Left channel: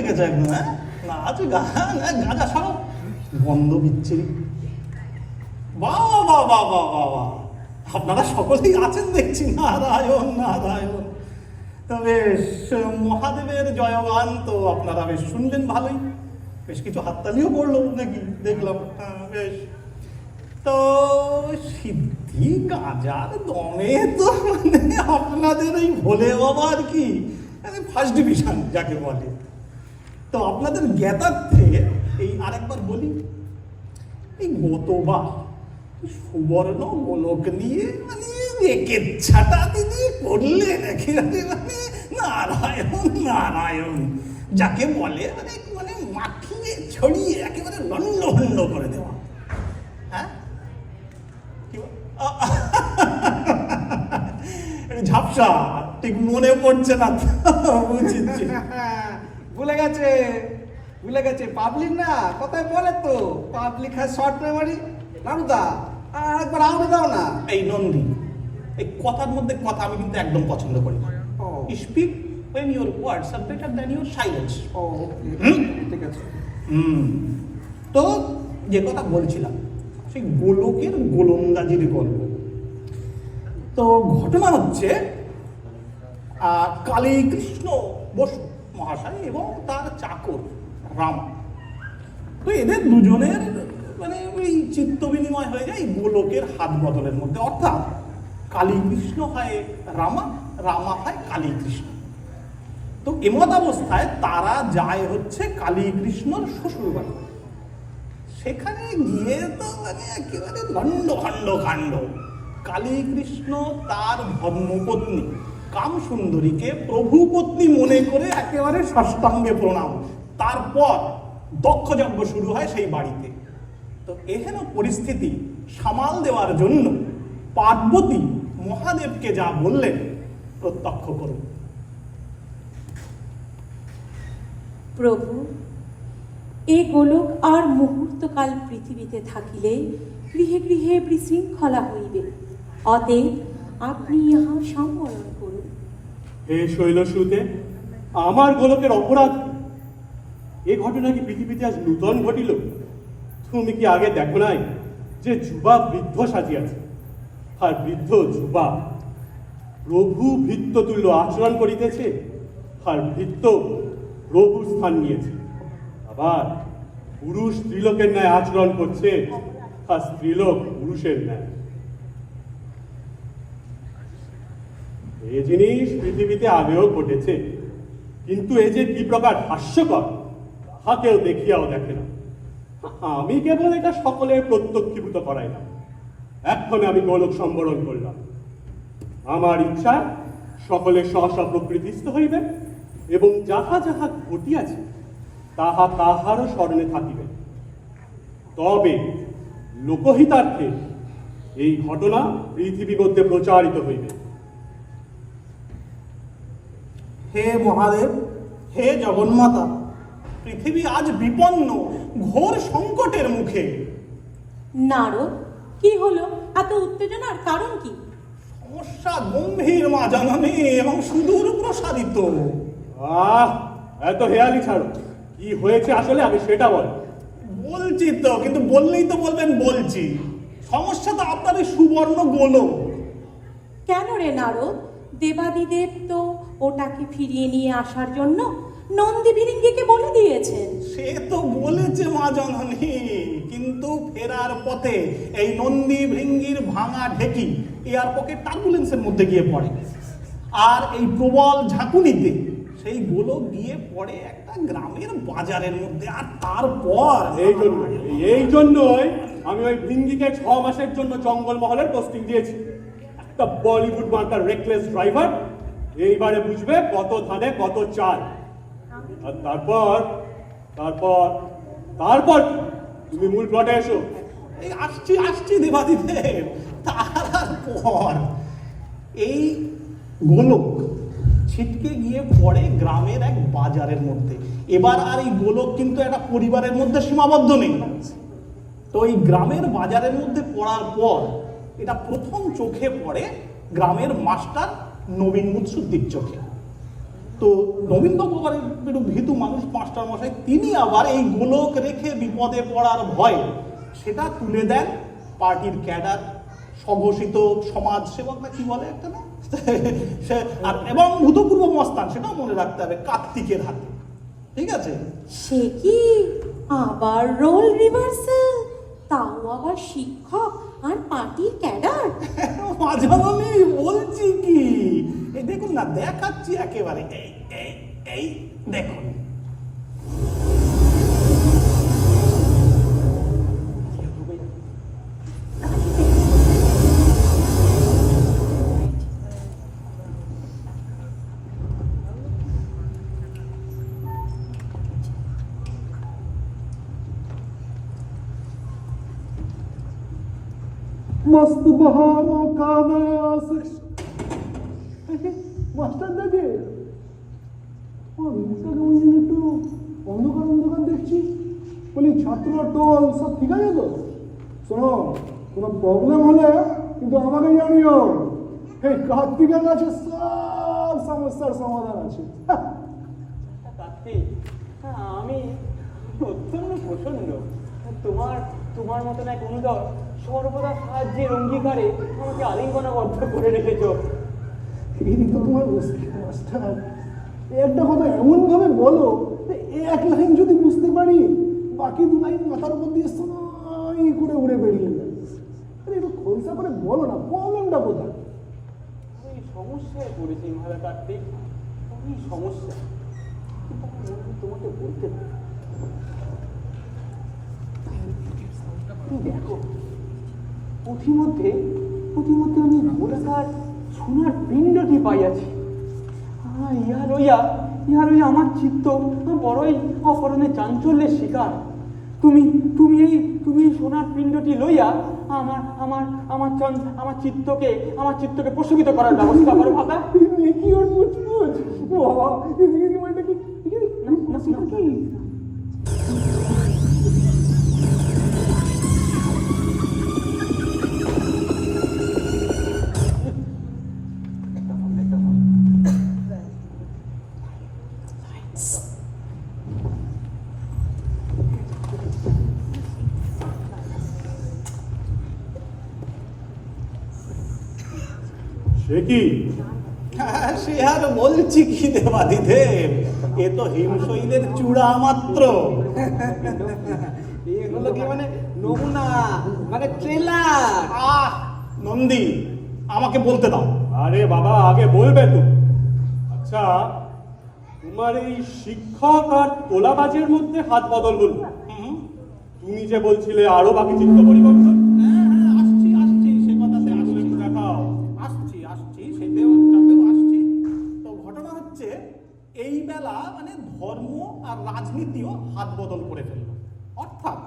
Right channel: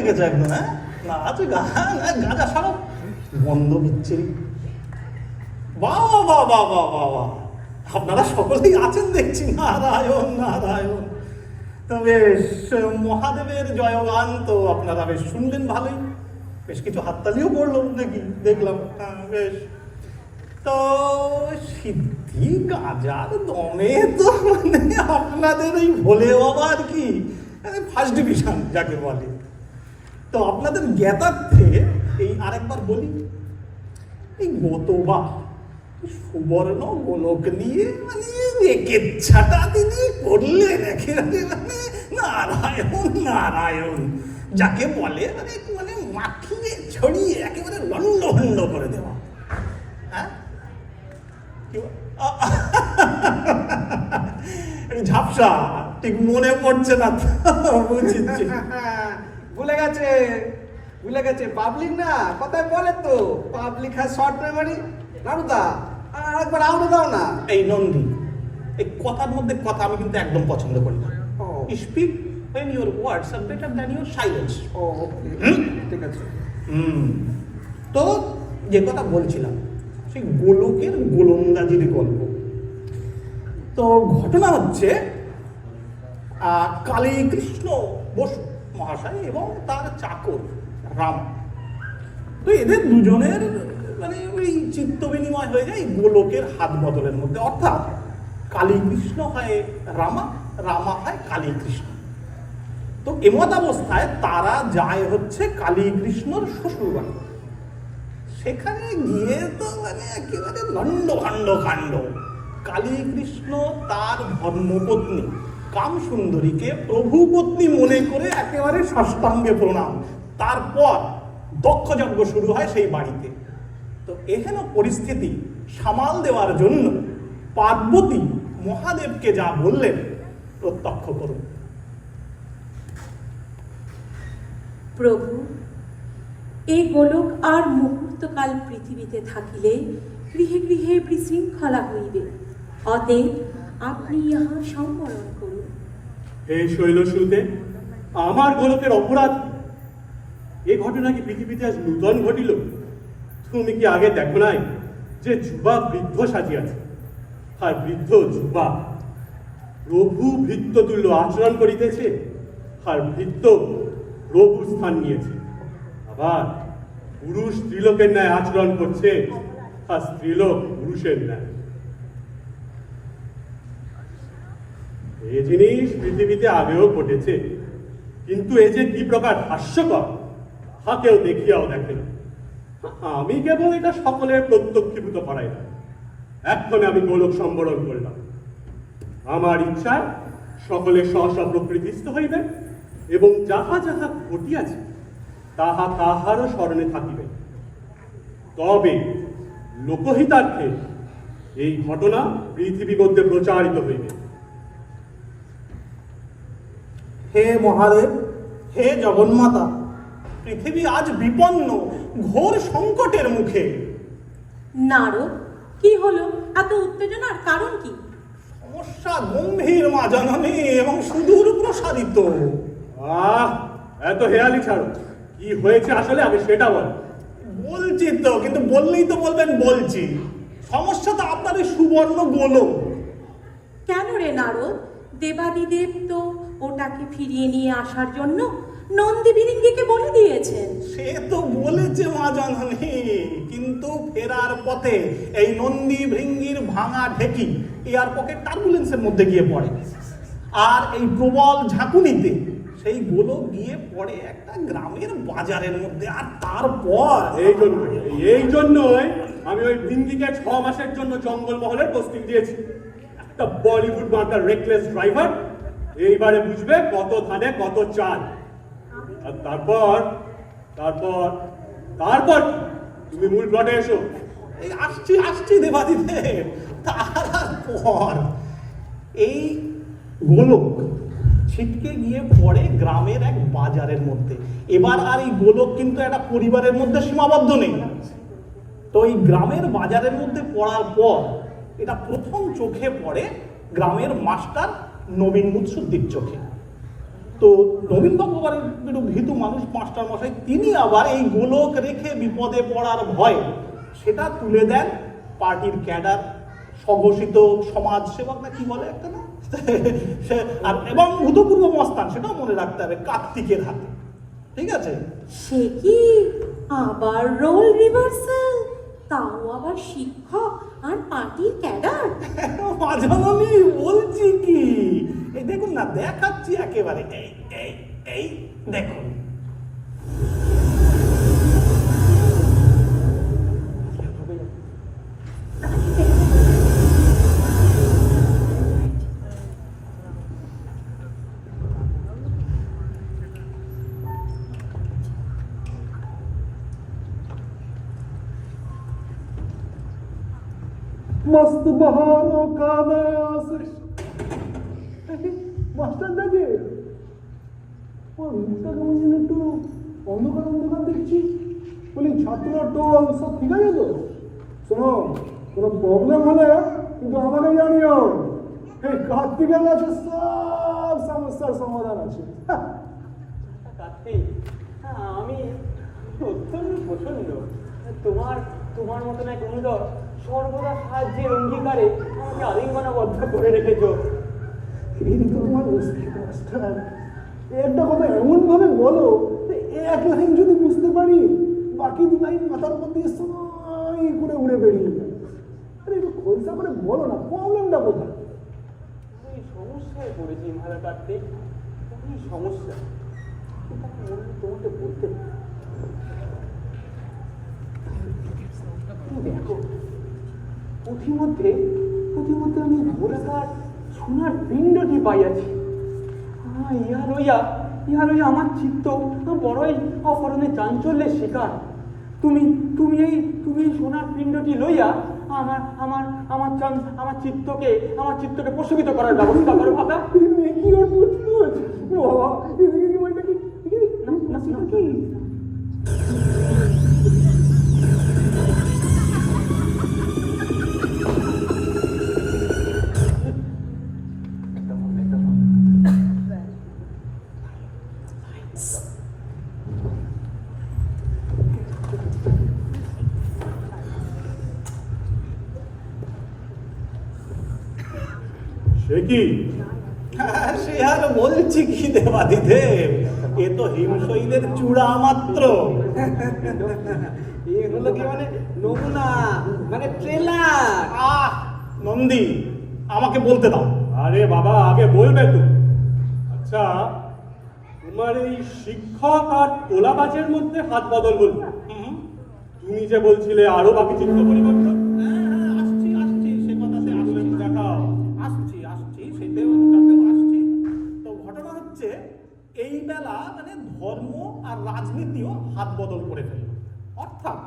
লেগেছে একদম। হ্যাঁ, নাচ গান গাঁজা সারা বন্ধ বিচ্ছিরি। বাবা বাবা বাবা বাবা, আপনারা সকলেই আছেন দেখছি। নারায়ণ নারায়ণ। তো বেশ, মহাদেবের জয়গান তো আপনারা বেশ শুনলেন ভালোই, বেশ কিছু হাততালিও পড়লো নাকি দেখলাম। হ্যাঁ বেশ। তো সিদ্ধি গাঁজার দমে তো মানে আপনাদের এই ভোলে বাবা আর কি ফার্স্ট ডিভিশন যাকে বলে। তো আপনাদের জ্ঞাতার্থে এই আরেকবার বলি, এই গতবার সুবর্ণ গোলক নিয়ে মানে রেকেচ্ছাটা তিনি করলেন একেবারে, মানে নারায়ণ নারায়ণ যাকে বলে, মানে মানে মাখিয়ে ছড়িয়ে একেবারে লন্ড ভন্ড করে দেওয়া। হ্যাঁ, ঝাপসা ঠিক মনে পড়ছে না, বুঝছি। ভুলে গেছে পাবলিক না কথায় বলে তো, পাবলিক হ্যাজ শর্ট মেমোরি। নানুদা আর একবার আউট দাও না। এই নন্দী, এই কথার মধ্যে কথা আমি কিন্তু একদম পছন্দ করি না। Speak when your words are better than your silence. ঠিক আছে। তো যে কথা বলছিলাম, সেই গোলকের গোলন্দাজির গল্প। তো ঘটনা হচ্ছে কালী কৃষ্ণ বসু মহাশয় এবং তার চাকর রাম, তো এদের দুজনের মানে ওই চিত্ত বিনিময় হয়ে যায় গোলকের হাত বদলের মধ্যে। অর্থাৎ কালী কৃষ্ণ হয় রামা, রামা হয় কালী কৃষ্ণ। তো এমত অবস্থায় তারা যায় হচ্ছে কালী কৃষ্ণর শ্বশুর বাড়ি। সেখানে গিয়ে তো মানে একেবারে লন্ডভন্ড কাণ্ড। কালী কৃষ্ণ তার ধর্মপত্নী কামসুন্দরীকে প্রভু পত্নী মনে করে একেবারে সাষ্টাঙ্গে প্রণাম। তারপর দক্ষযজ্ঞ শুরু হয় সেই বাড়িতে। তো এহেন পরিস্থিতি সামাল দেওয়ার জন্য পার্বতী মহাদেবকে যা বললেন প্রত্যক্ষ করুন। প্রভু, এই গোলক আর মুহূর্তকাল পৃথিবীতে থাকিলে গৃহে গৃহে বিশৃঙ্খলা হইবে, অতএব আপনি ইহা সম্বরণ করুন। হে শৈলসুতে, আমার গোলকের অপরাধ এই ঘটনা কি পৃথিবীতে আজ নূতন ঘটিল? তুমি কি আগে দেখো নাই যে যুবা বৃদ্ধ সাজিয়াছে, আর বৃদ্ধ যুবা প্রভু ভৃত্য তুল্য আচরণ করিতেছে, আর ভৃত্য প্রভুর স্থান নিয়েছে। আবার পুরুষ স্ত্রীলোকের ন্যায় আচরণ করছে, আর স্ত্রীলোক পুরুষের ন্যায়। এই জিনিস পৃথিবীতে আগেও ঘটেছে, কিন্তু এ যে কি প্রকার হাস্যকর তা কেউ দেখিয়াও দেখে না। আমি কেবল এটা সকলের প্রত্যক্ষীভূত করাই না, এক্ষণে আমি গোলক সম্বরণ করলাম। আমার ইচ্ছায় সকলে সহসা প্রকৃতিস্থ হইবে এবং যাহা যাহা ঘটিয়াছে তাহা তাহারও স্মরণে থাকিবে। তবে লোকহিতার্থে এই ঘটনা পৃথিবীর মধ্যে প্রচারিত হইবে। হে মহাদেব, হে জগন্মাতা, পৃথিবী আজ বিপন্ন, ঘোর সংকটের মুখে। নারদ, কি হলো? এত উত্তেজনার কারণ কি? সমস্যা গম্ভীর মা জননী এবং সুদূর প্রসারিত। এত হেয়ালি ছাড়ো, কি হয়েছে আসলে আমি সেটা বল। বলছি তো, কিন্তু বললেই তো বলবেন বলছি। সমস্যা তো আপনার এই সুবর্ণ গোলক। কেন রে নারদ? দেবাদিদেব তো ওটাকে ফিরিয়ে নিয়ে আসার জন্য নন্দী ভিরিঙ্গিকে বলে দিয়েছেন। সে তো বলেছে মা জননী, কিন্তু ফেরার পথে এই নন্দী ভৃঙ্গির ভাঙা ঢেকি এয়ার পকেট টার্বুলেন্সের মধ্যে গিয়ে পড়ে, আর এই প্রবল ঝাঁকুনিতে সেই গোলক গিয়ে পড়ে একটা গ্রামের বাজারের মধ্যে। আর তারপর এই জন্যই আমি ওই ভিঙ্গিকে 6 মাসের জন্য জঙ্গলমহলের পোস্টিং দিয়েছি। একটা বলিউড মার্কার রেকলেস ড্রাইভার, এইবারে বুঝবে কত ধানে কত চাল। আর তারপর তারপর তারপর তুমি মূল প্লটে এসো। এই আসছি দেবাদিদেব। তারপর এই গোলক ছিটকে গিয়ে পড়ে গ্রামের এক বাজারের মধ্যে। এবার আর এই গোলক কিন্তু একটা পরিবারের মধ্যে সীমাবদ্ধ নেই। তো এই গ্রামের বাজারের মধ্যে পড়ার পর এটা প্রথম চোখে পড়ে গ্রামের মাস্টার নবীন মুৎসুদ্দির চোখে। তো নবীনবাবু আবার একটু ভীতু মানুষ, মাস্টার মশাই, তিনি আবার এই গোলক রেখে বিপদে পড়ার ভয় সেটা তুলে দেন পার্টির ক্যাডার, স্বঘোষিত সমাজ সেবক না কি বলে একটা না এবং ভূতপূর্ব মস্তান, সেটাও মনে রাখতে হবে, কার্তিকের হাতে। ঠিক আছে? সে কি আবার রোল রিভার্সাল, তাও আবার শিক্ষক আর পার্টির ক্যাডার। মাঝামাঝি বলছি কি, এই দেখুন না, দেখাচ্ছি একেবারে, এই এই এই দেখুন। मस्त बहारों का नया মাস্টার দেখে একটু অন্ধকার অন্ধকার দেখছি, বলি ছাত্র টোল সব ঠিক আছে তো? শোনো, কোনো প্রবলেম হলে কিন্তু আমাকে জানিও, এই কার্তিকের কাছে সব সমস্যার সমাধান আছে। কার্তিক, আমি অত্যন্ত প্রসন্ন। তোমার মতন এক অনুদর সর্বদা সাহায্যের অঙ্গীকারে আমাকে আলিঙ্গনাবদ্ধ করে রেখেছ। এই তো তোমার মাস্টার, একটা কথা এমন ভাবে বলো এক লাইন যদি বুঝতে পারি, বাকি দু লাইন মাথার উপর দিয়ে সাই করে উড়ে বেরিয়ে যায়। আরে একটু খোলসা করে বলো না, প্রবলেমটা কোথায়? আমি সমস্যায় পড়েছি মহারা কার্তিক, কি সমস্যা তোমাকে বলতে দেখো। পথিমধ্যে আমি গোলাকার সোনার পিণ্ডটি পাইয়াছি। ইহা লইয়া আমার চিত্ত বড়ই অপরণে চাঞ্চল্যের শিকার। তুমি এই সোনার পিণ্ডটি লইয়া আমার চিত্তকে প্রশমিত করার ব্যবস্থা করো ভাতা। কি অদ্ভুত বাবা, এদিকে কি মানে কি না সেটা কি? সে কি? সে আর বলছি কি দেবাদিদেব, এ তো হিমশৈলের চূড়া মাত্র। এগুলো কি মানে নমুনা, মানে ট্রেলার? নন্দী, আমাকে বলতে দাও। আরে বাবা, আগে বলবে তো। আচ্ছা, তোমার এই শিক্ষক আর তোলাবাজের মধ্যে হাত বদল হল, তুমি যে বলছিলে আরো বাকি চিত্ত পরিবর্তন। আসছি, সে কথাতে আসছি, দেখাও। আসছি, সেটাতেও আসছি। তো ঘটনা হচ্ছে, এই বেলা মানে ধর্ম আর রাজনীতিও হাত বদল করে ফেলল। অর্থাৎ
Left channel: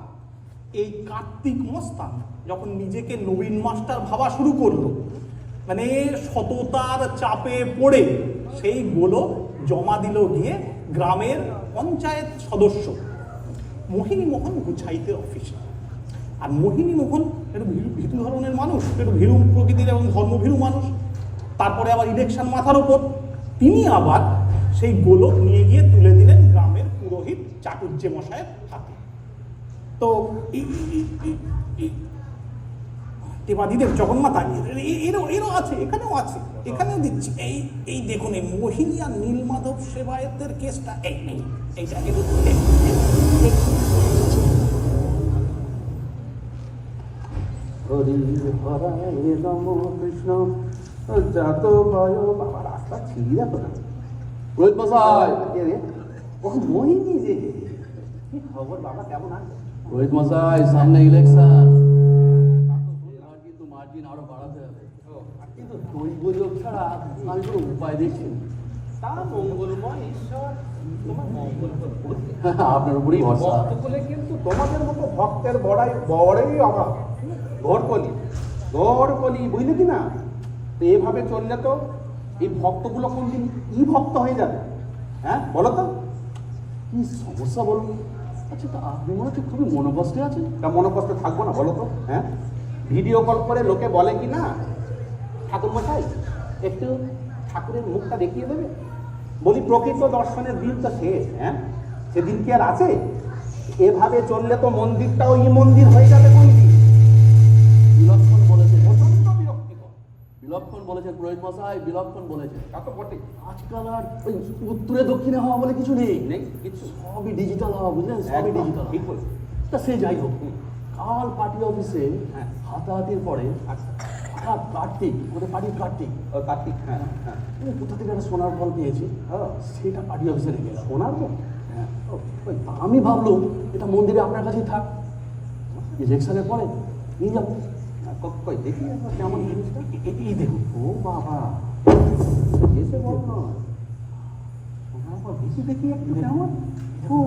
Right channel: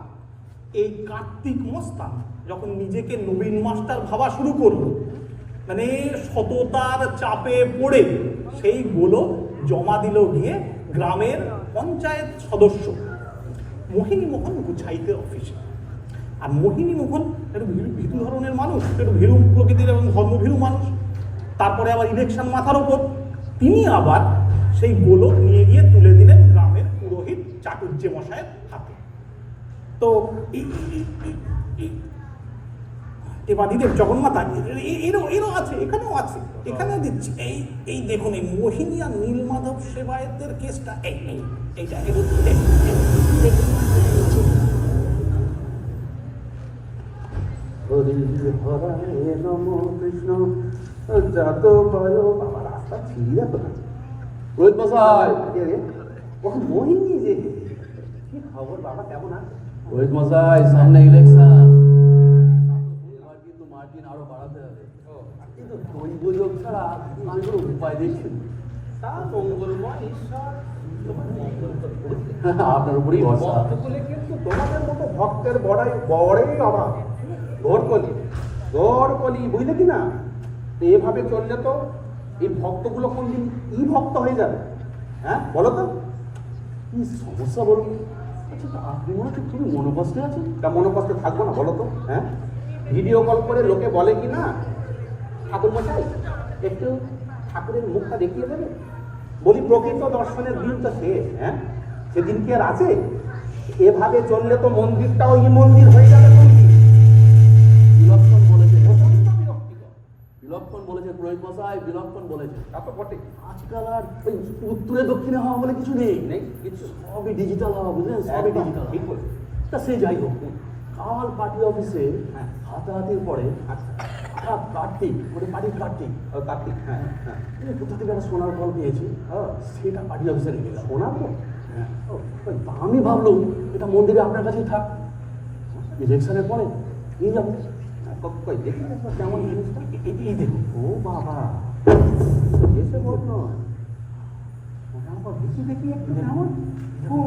এই কার্তিক মস্তান যখন নিজেকে নবীন মাস্টার ভাবা শুরু করলো, মানে সততার চাপে পড়ে সেইগুলো জমা দিল গিয়ে গ্রামের পঞ্চায়েত সদস্য মোহিনী মোহন গুছাইতের অফিসে। আর মোহিনী মোহন একটু ভীতু ধরনের মানুষ, একটু ভীরু প্রকৃতির এবং ধর্মভীরু মানুষ। তারপরে আবার ইলেকশন মাথার ওপর, তিনি আবার সেই গোলক নিয়ে গিয়ে তুলে দিলেন গ্রামের পুরোহিত চাটুর্যে মশাইয়ের হাতে। তো দেবাদিদেব জগন্মাতা এরও আছে, এখানেও আছে, এখানেও দিচ্ছি। এই দেখুন, এই মোহিনী আর নীলমাধব সেবায়েতের কেসটা, এইটা কৃষ্ণ যত ভালো বাবা, রাস্তা ছিঁড়ে দেখো না। রোহিত মশাই, ও মোহিনী যে, কি খবর বাবা, কেমন আছে? রোহিত মশাই, সামনে ইলেকশন, কিন্তু মার্জিন আরো বাড়াতে হবে। কিন্তু দৈব যোগ ছাড়া আমি কোনো উপায় দেখছি না। তা মঙ্গলময় ঈশ্বর তোমার মঙ্গল করতে। আপনার উপরেই ভরসা। ভক্তকুলে কিন্তু তোমাদের মতো ভক্তের বড়ই অভাব। গড়কলি বুঝলে কি না? তো এভাবে চললে তো এই ভক্তগুলো কোনদিন কি ভক্ত হয়ে যাবে? হ্যাঁ বলো তো, কি সমস্যা বলুন? আচ্ছা, তো আপনি মনে হচ্ছে খুবই মনোকষ্টে আছেন। তা মনোকষ্টে থাকবো না বলো তো? হ্যাঁ, ভিডিও কল করে লোকে বলে কি না, ঠাকুর মশাই একটু ঠাকুরের মুখটা দেখিয়ে দেবে, বলি প্রকৃত দর্শনের দিন তো শেষ, হ্যাঁ? সেদিন কি আর আছে? এভাবে চললে তো মন্দিরটাও এই মন্দির হয়ে যাবে কোনদিন। বিলক্ষণ বলেছে, প্রচন্ড বিরক্তিকর। বিলক্ষণ বলেছে পুরোহিত মশাই, বিলক্ষণ বলেছে। তা তো বটে। আজকাল আর ওই উত্তরে দক্ষিণে হওয়া বলে কিছু নেই। নেই কিছু। সবই ডিজিটাল হওয়া, বুঝলেন, সবই একদম, ডিজিটাল। ঠিক বলেছে। তা সে যাই হোক, কাল পার্টি অফিসে হাতাহাতির পরে কার্তিক, ওদের পার্টির কার্তিক, ও কার্তিক, হ্যাঁ হ্যাঁ। কোথা থেকে একটা সোনার ফল পেয়েছি, সেটা পার্টি অফিসে রেখে গেলাম। শোনার তো হ্যাঁ, তা আমি ভাবলাম এটা মন্দিরে আপনার কাছেই থাক, ইলেকশনের পরে নিয়ে যাবো। কই দেখি একবার কেমন জিনিসটা। এই দেখুন। ও বাবা, এসে বলতো দেখি দেখি একটু কেমন। ও,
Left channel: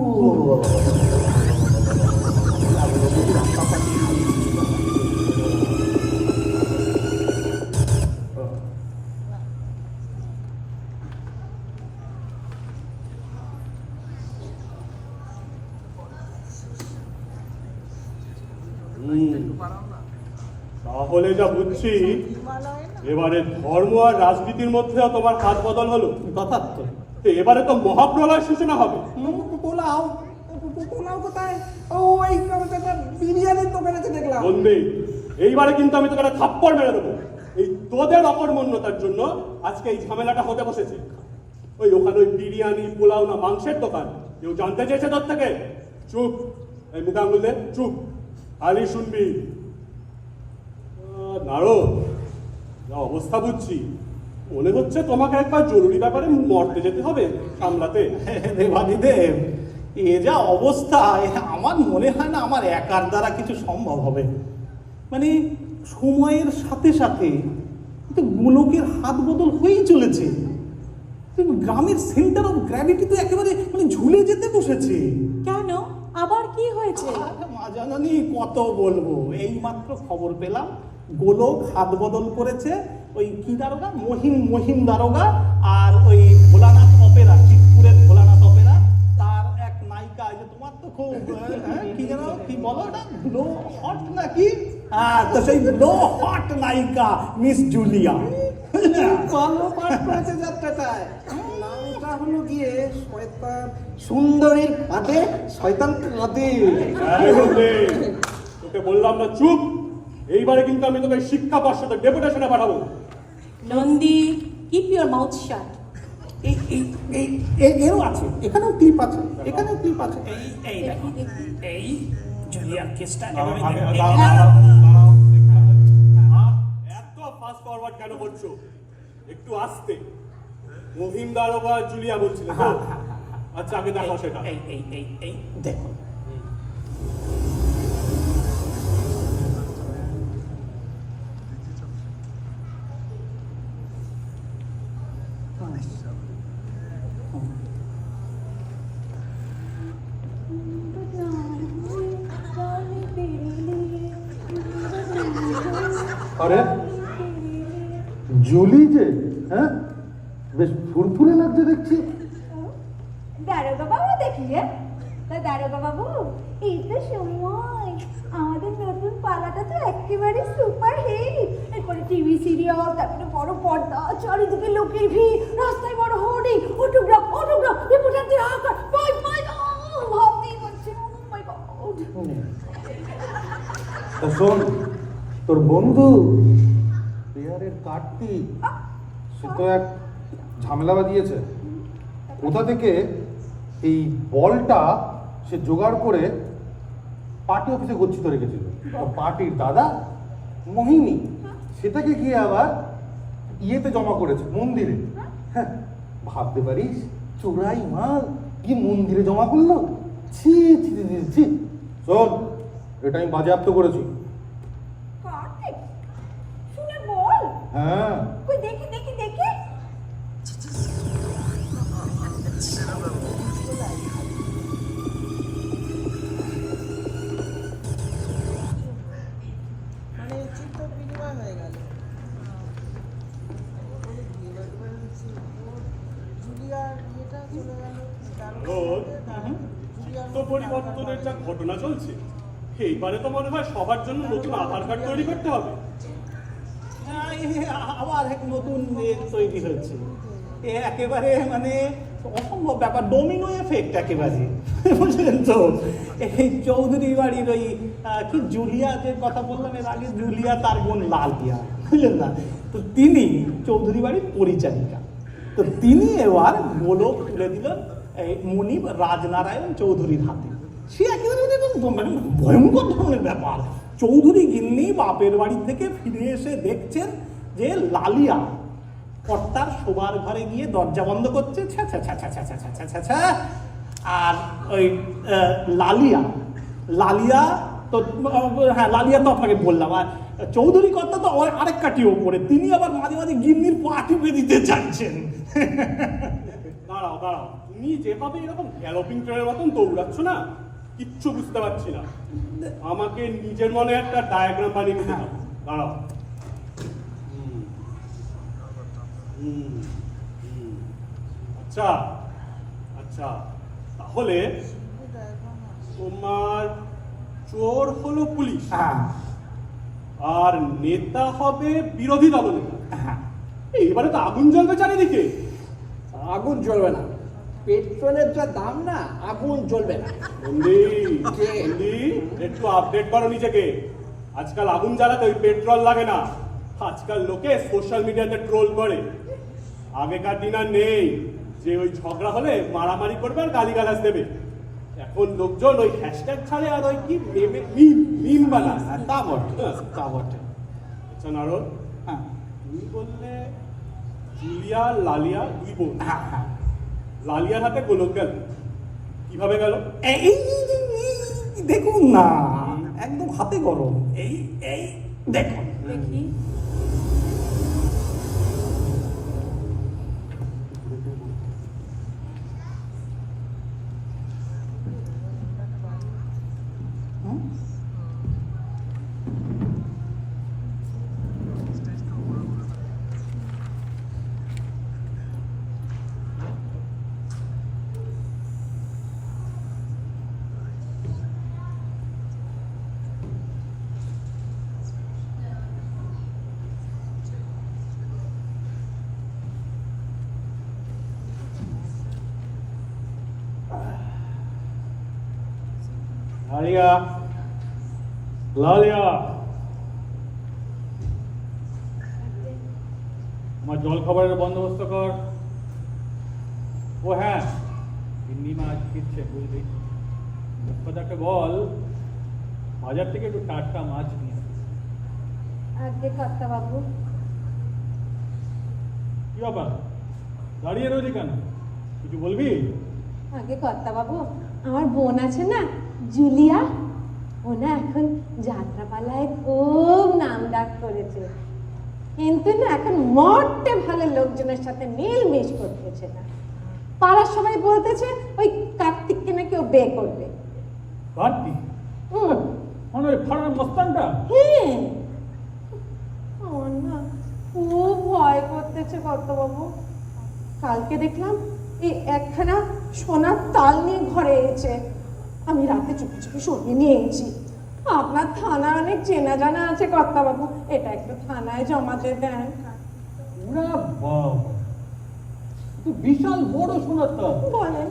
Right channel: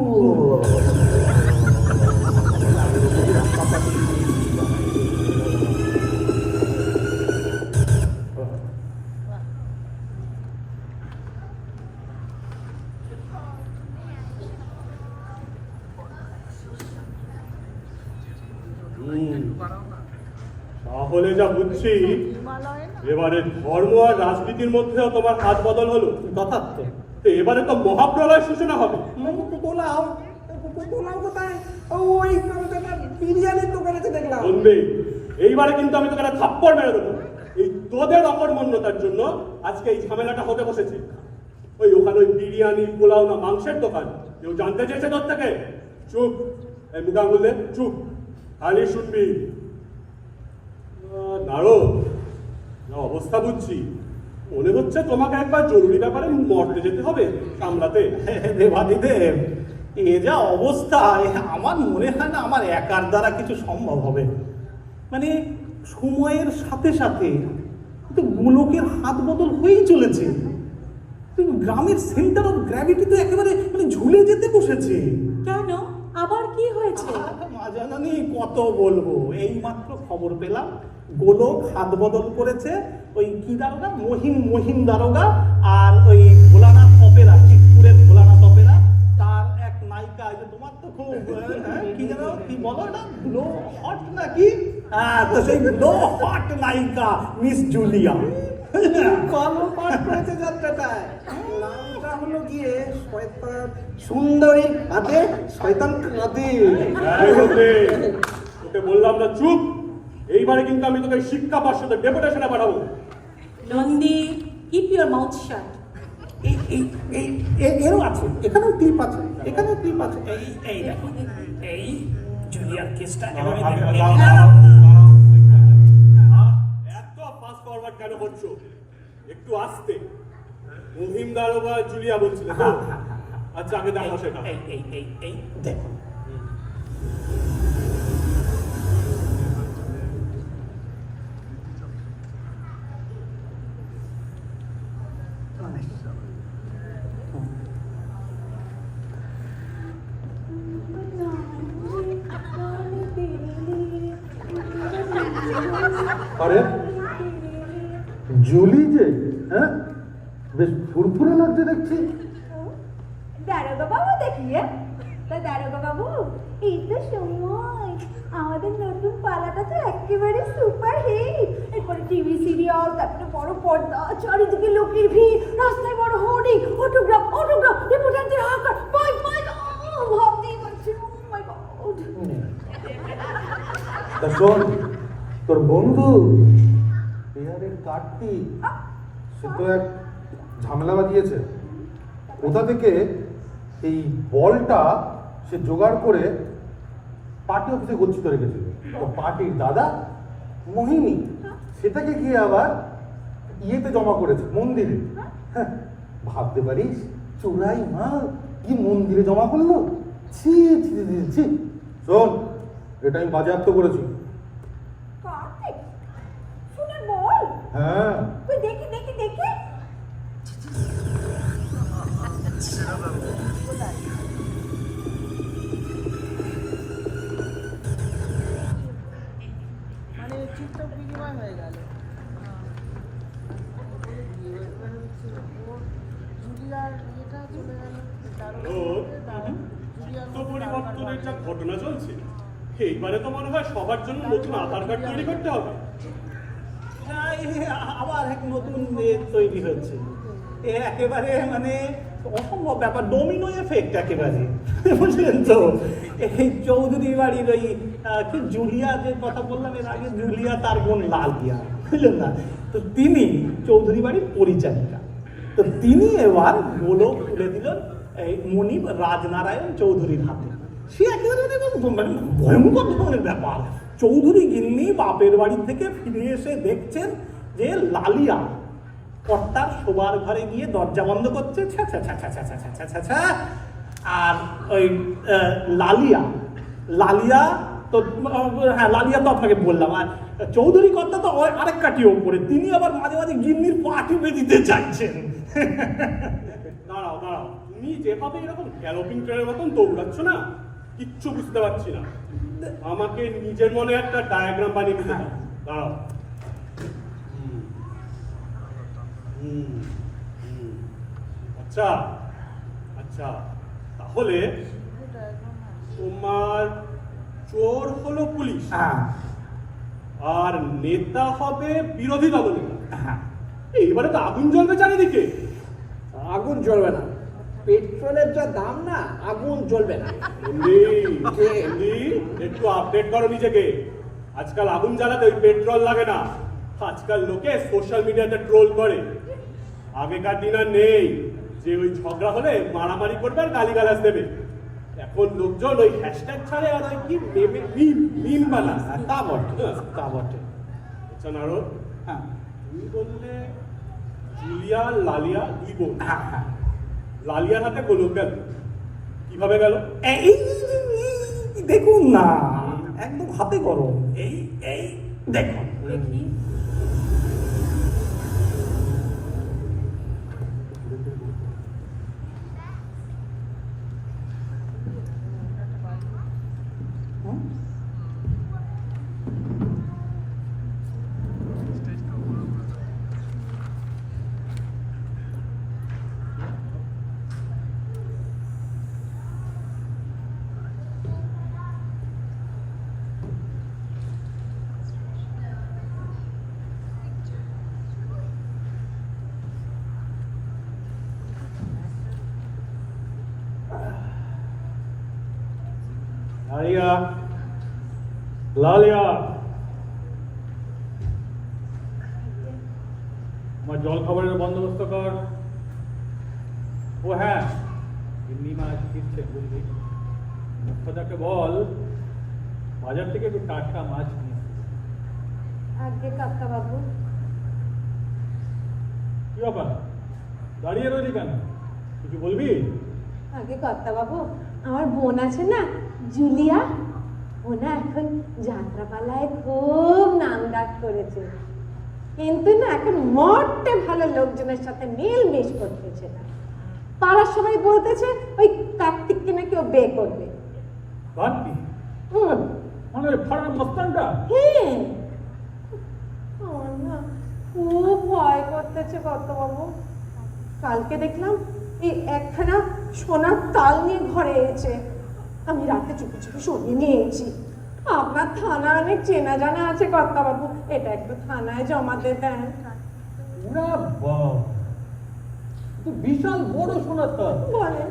তাহলে যা বুঝছি, এবারে ধর্ম আর রাজনীতির মধ্যেও তোমার হাত বদল হলো। যথার্থ। তো এবারে তো মহাপ্রলয় সূচনা হবে। পোলাও পোলাও কোথায়? ওই বিরিয়ানির দোকান আছে দেখলাম। বন্ধু, এইবারে কিন্তু আমি তোকে একটা থাপ্পড় মেরে দেবো। এই তোদের অকর্মণ্যতার জন্য আজকে এই ঝামেলাটা হতে বসেছে। ওখানে ওই বিরিয়ানি, পোলাও না মাংসের দোকান, কেউ জানতে চেয়েছে তোর থেকে? চুপ, এই মুখে আঙুল দে, চুপ, খালি শুনবি। নারো, যা অবস্থা বুঝছি, মনে হচ্ছে তোমাকে একবার জরুরি ব্যাপারে মর্তে যেতে হবে সামলাতে। দেবাদিদেব, এ যা অবস্থা, আমার মনে হয় না আমার একার দ্বারা কিছু সম্ভব হবে। মানে সময়ের সাথে সাথে কিন্তু গোলকের হাত বদল হয়েই চলেছে। গ্রামের সেন্টার অফ গ্র্যাভিটি তো একেবারে মানে ঝুলে যেতে বসেছে। কেন, আবার কি হয়েছে? মা জানানি কত বলবো, এই মাত্র খবর পেলাম গোলক হাত বদল করেছে। ওই কি দারোগা, মহিম দারোগা, আর ওই ভোলানাথ অপেরা, চিতপুরের ভোলানাথ অপেরা, তার এক নায়িকা, যে তোমার তো খুব কি যেন কি বলো না, লো হট নাকি, হ্যাঁ, তো সেই লো হট নায়িকা মিস জুলিয়া ভালো পাঠ করেছে যাত্রাটায়। নামটা হলো গিয়ে শয়তান সুন্দরীর হাতে শয়তান কাঁদে। তোকে বললাম না চুপ। এইবারে কিন্তু আমি তোকে শিক্ষা পর্ষদে ডেপুটেশনে পাঠাবো। নন্দী, কিপ ইউর মাউথ শাট। এরও আছে, এখানেও ক্লিপ আছে, এখানেও ক্লিপ আছে। এই দেখো, এই জুলিয়ার কেসটা এত ফাস্ট ফরওয়ার্ড কেন করছো? একটু আস্তে। মহিম দারোগা জুলিয়া বলছিলে তো? আচ্ছা, আগে দেখো সেটা। এই দেখো, আরে জুলি যে, হ্যাঁ, বেশ ফুরফুরে লাগছে দেখছি। দারোগা বাবু দেখিয়ে তা দারোগা বাবু, এই তো সময় আমাদের নতুন পালাটা তো একেবারে সুপার হিট। এরপরে টিভি সিরিয়াল, তারপরে বড় পর্দা, চারিদিকে লোকের ভিড়, রাস্তায় বড় হোর্ডিং, অটোগ্রাফ রিপোর্টারদের হাহাকার, মাই ভাবতেই পারছি না, মাই গড। তা শোন, তোর বন্ধু বিহারের কার্তিক, সে তো এক ঝামেলা বাজিয়েছে। কোথা থেকে এই বলটা সে জোগাড় করে পার্টি অফিসে গচ্ছিত রেখেছিল। পার্টির দাদা মোহিনী সেটাকে গিয়ে আবার ইয়েতে জমা করেছে, মন্দিরে। হ্যাঁ, ভাবতে পারিস, চোরাই মাল কি মন্দিরে জমা করলো? ছি ছি ছি ছি। শোন, এটা আমি বাজেয়াপ্ত করেছি। কার্তিক, শুনে বল। হ্যাঁ, ওই দেখি দেখি দেখি। চিত্ত পরিবর্তনের যা ঘটনা চলছে, এইবারে তো মনে হয় সবার জন্য নতুন আধার কার্ড তৈরি করতে হবে। আবার এক নতুন তৈরি হচ্ছে। এ একেবারে মানে অসম্ভব ব্যাপার, ডোমিনো এফেক্ট একেবারে, বুঝলেন তো? এই চৌধুরী বাড়ির ওই কি জুলিয়া, যে কথা বললাম এর আগে, জুলিয়া তার বোন লালিয়া, বুঝলেন না? তো তিনি চৌধুরী বাড়ির পরিচারিকা। তো তিনি এবার গোলক তুলে দিলেন এই মনিব রাজনারায়ণ চৌধুরীর হাতে। সে একেবারে মানে ভয়ঙ্কর ধরনের ব্যাপার। চৌধুরী গিন্নি বাপের বাড়ি থেকে ফিরে এসে দেখছেন যে লালিয়া কর্তার শোবার ঘরে গিয়ে দরজা বন্ধ করছে, ছ্যা ছ্যা ছ্যা ছ্যা ছ্যা ছ্যা ছ্যা ছ্যা ছ্যা। আর ওই লালিয়া তো, হ্যাঁ লালিয়া তো আপনাকে বললাম, আর চৌধুরী কর্তা তো আরেক কাটি ওপরে, তিনি আবার মাঝে মাঝে গিন্নির পা টিপে দিতে চাইছেন। দাঁড়াও দাঁড়াও, তুমি যেভাবে এরকম গ্যালোপিং ট্রেনের মতন দৌড়াচ্ছ না, কিচ্ছু বুঝতে পারছি না। আমাকে নিজের মনে একটা ডায়াগ্রাম বানিয়ে দিতে দাও। দাঁড়াও। আচ্ছা আচ্ছা, তাহলে তোমার চোর হলো পুলিশ, হ্যাঁ আর নেতা হবে বিরোধী দলনেতা। হ্যাঁ, এইবারে তো আগুন জ্বলবে চারিদিকে। আগুন জ্বলবে না, পেট্রোলের যা দাম না, আগুন জ্বলবে না। বন্দি, বন্দি, একটু আপডেট করো নিজেকে। আজকাল আগুন জ্বালাতে ওই পেট্রোল লাগে না, আজকাল লোকে সোশ্যাল মিডিয়াতে ট্রোল করে। আগেকার দিন আর নেই যে ওই ঝগড়া হলে মারামারি করবে আর গালিগালাজ দেবে। এখন লোকজন ওই হ্যাশট্যাগ ছাড়ে আর ওই কি মিম বানায়। তা বটে, তা বটে। আচ্ছা নারদ, হ্যাঁ তুমি বললে জুলিয়া লালিয়া দুই বোন, হ্যাঁ হ্যাঁ, লালিয়ার হাতে গোলক গেল, কিভাবে গেল? এই দেখুন না, একদম হাতে গরম। এই এই দেখুন, দেখি। লালিয়া, লালিয়া, আমার জল খাবারের বন্দোবস্ত কর। ও হ্যাঁ, গিন্নি মাছ ফিরছে বুঝলি, মুখ্যদাকে বল বাজার থেকে একটু টাটকা মাছ নিয়ে আসতে। আজকে কর্তা বাবু, কি ব্যাপার, দাঁড়িয়ে রয়েছি কেন? কিছু বলবি? আগে কর্তা বাবু, আমার বোন আছে না জুলিয়া, ও না এখন যাত্রাপালায় খুব নাম ডাক করেছে, কিন্তু না এখন মোটে ভালো লোকজনের সাথে মিলমিশ করতেছে না। পাড়ার সবাই বলতেছে ওই কার্তিককে নাকি ও বিয়ে করবে। কার্তিক মানে ওই ফারান মস্তানটা? হ্যাঁ, আমার না খুব ভয় করতেছে কর্তা বাবু। কালকে দেখলাম এই একখানা সোনার তাল নিয়ে ঘরে এনেছে, আমি রাতে চুপি চুপি সরিয়ে নিয়েছি। আপনার থানা অনেক চেনা জানা আছে কর্তা বাবু, এটা একটু থানায় জমাতে দেন। ওরা বাবা, তো বিশাল বড় সোনার তাল। বলেন,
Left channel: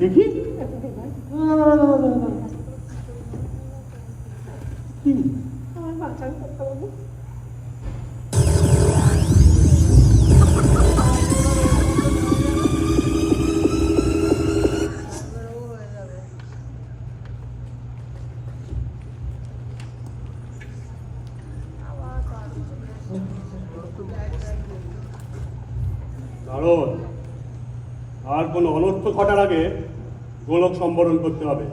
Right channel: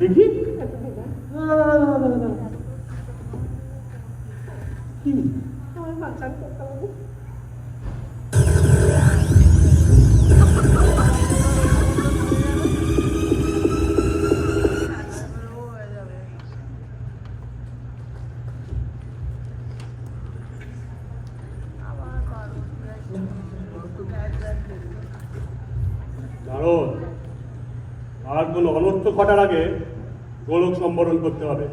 দেখি। একটু দিবেন? কি? আমার বাঁচান কর্তা বাবু। নারদ, আর কোনো অনর্থ ঘটার আগে গোলক সম্বরণ করতে হবে।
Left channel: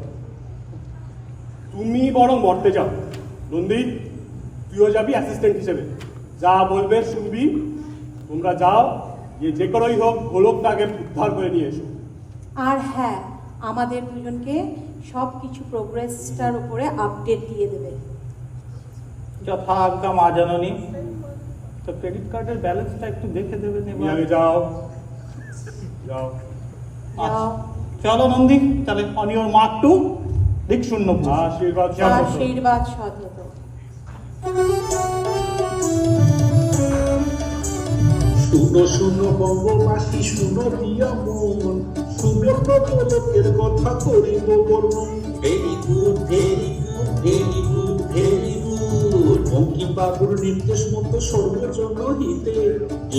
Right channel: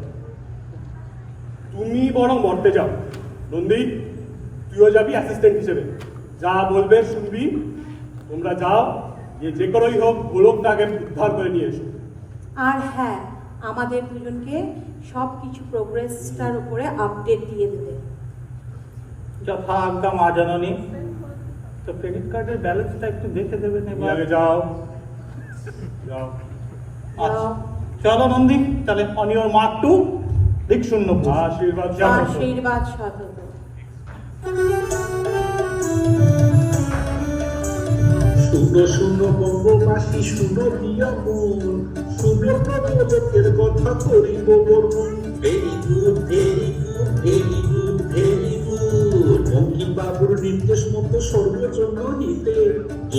তুমি বরং মরতে যাও। নন্দী, তুইও যাবি অ্যাসিস্ট্যান্ট হিসেবে, যা বলবে শুনবি। তোমরা যাও, গিয়ে যে করেই হোক গোলকটা আগে উদ্ধার করে নিয়ে এসো। আর হ্যাঁ, আমাদের দুজনকে সব কিছু প্রোগ্রেসটার উপরে আপডেট দিয়ে দেবে। যথা আজ্ঞা মা জননী। তো ক্রেডিট কার্ডের ব্যালেন্সটা একটু দেখে দেবেন তুমি এবার। আগে যাও, যাও। আচ্ছা, চলো নন্দী, তাহলে অন ইউর মার্ক টু দিক শূন্য। আশীর্বাদ। আশীর্বাদ সতত। শুনো শুনো বঙ্গবাসী শুনো প্রিয় মন, সুব্রত গোলকের কথা করিব বর্ণন। Very good very good very good very good. Bankim বাবুর নির্দেশ মতো সর্বজন হিতে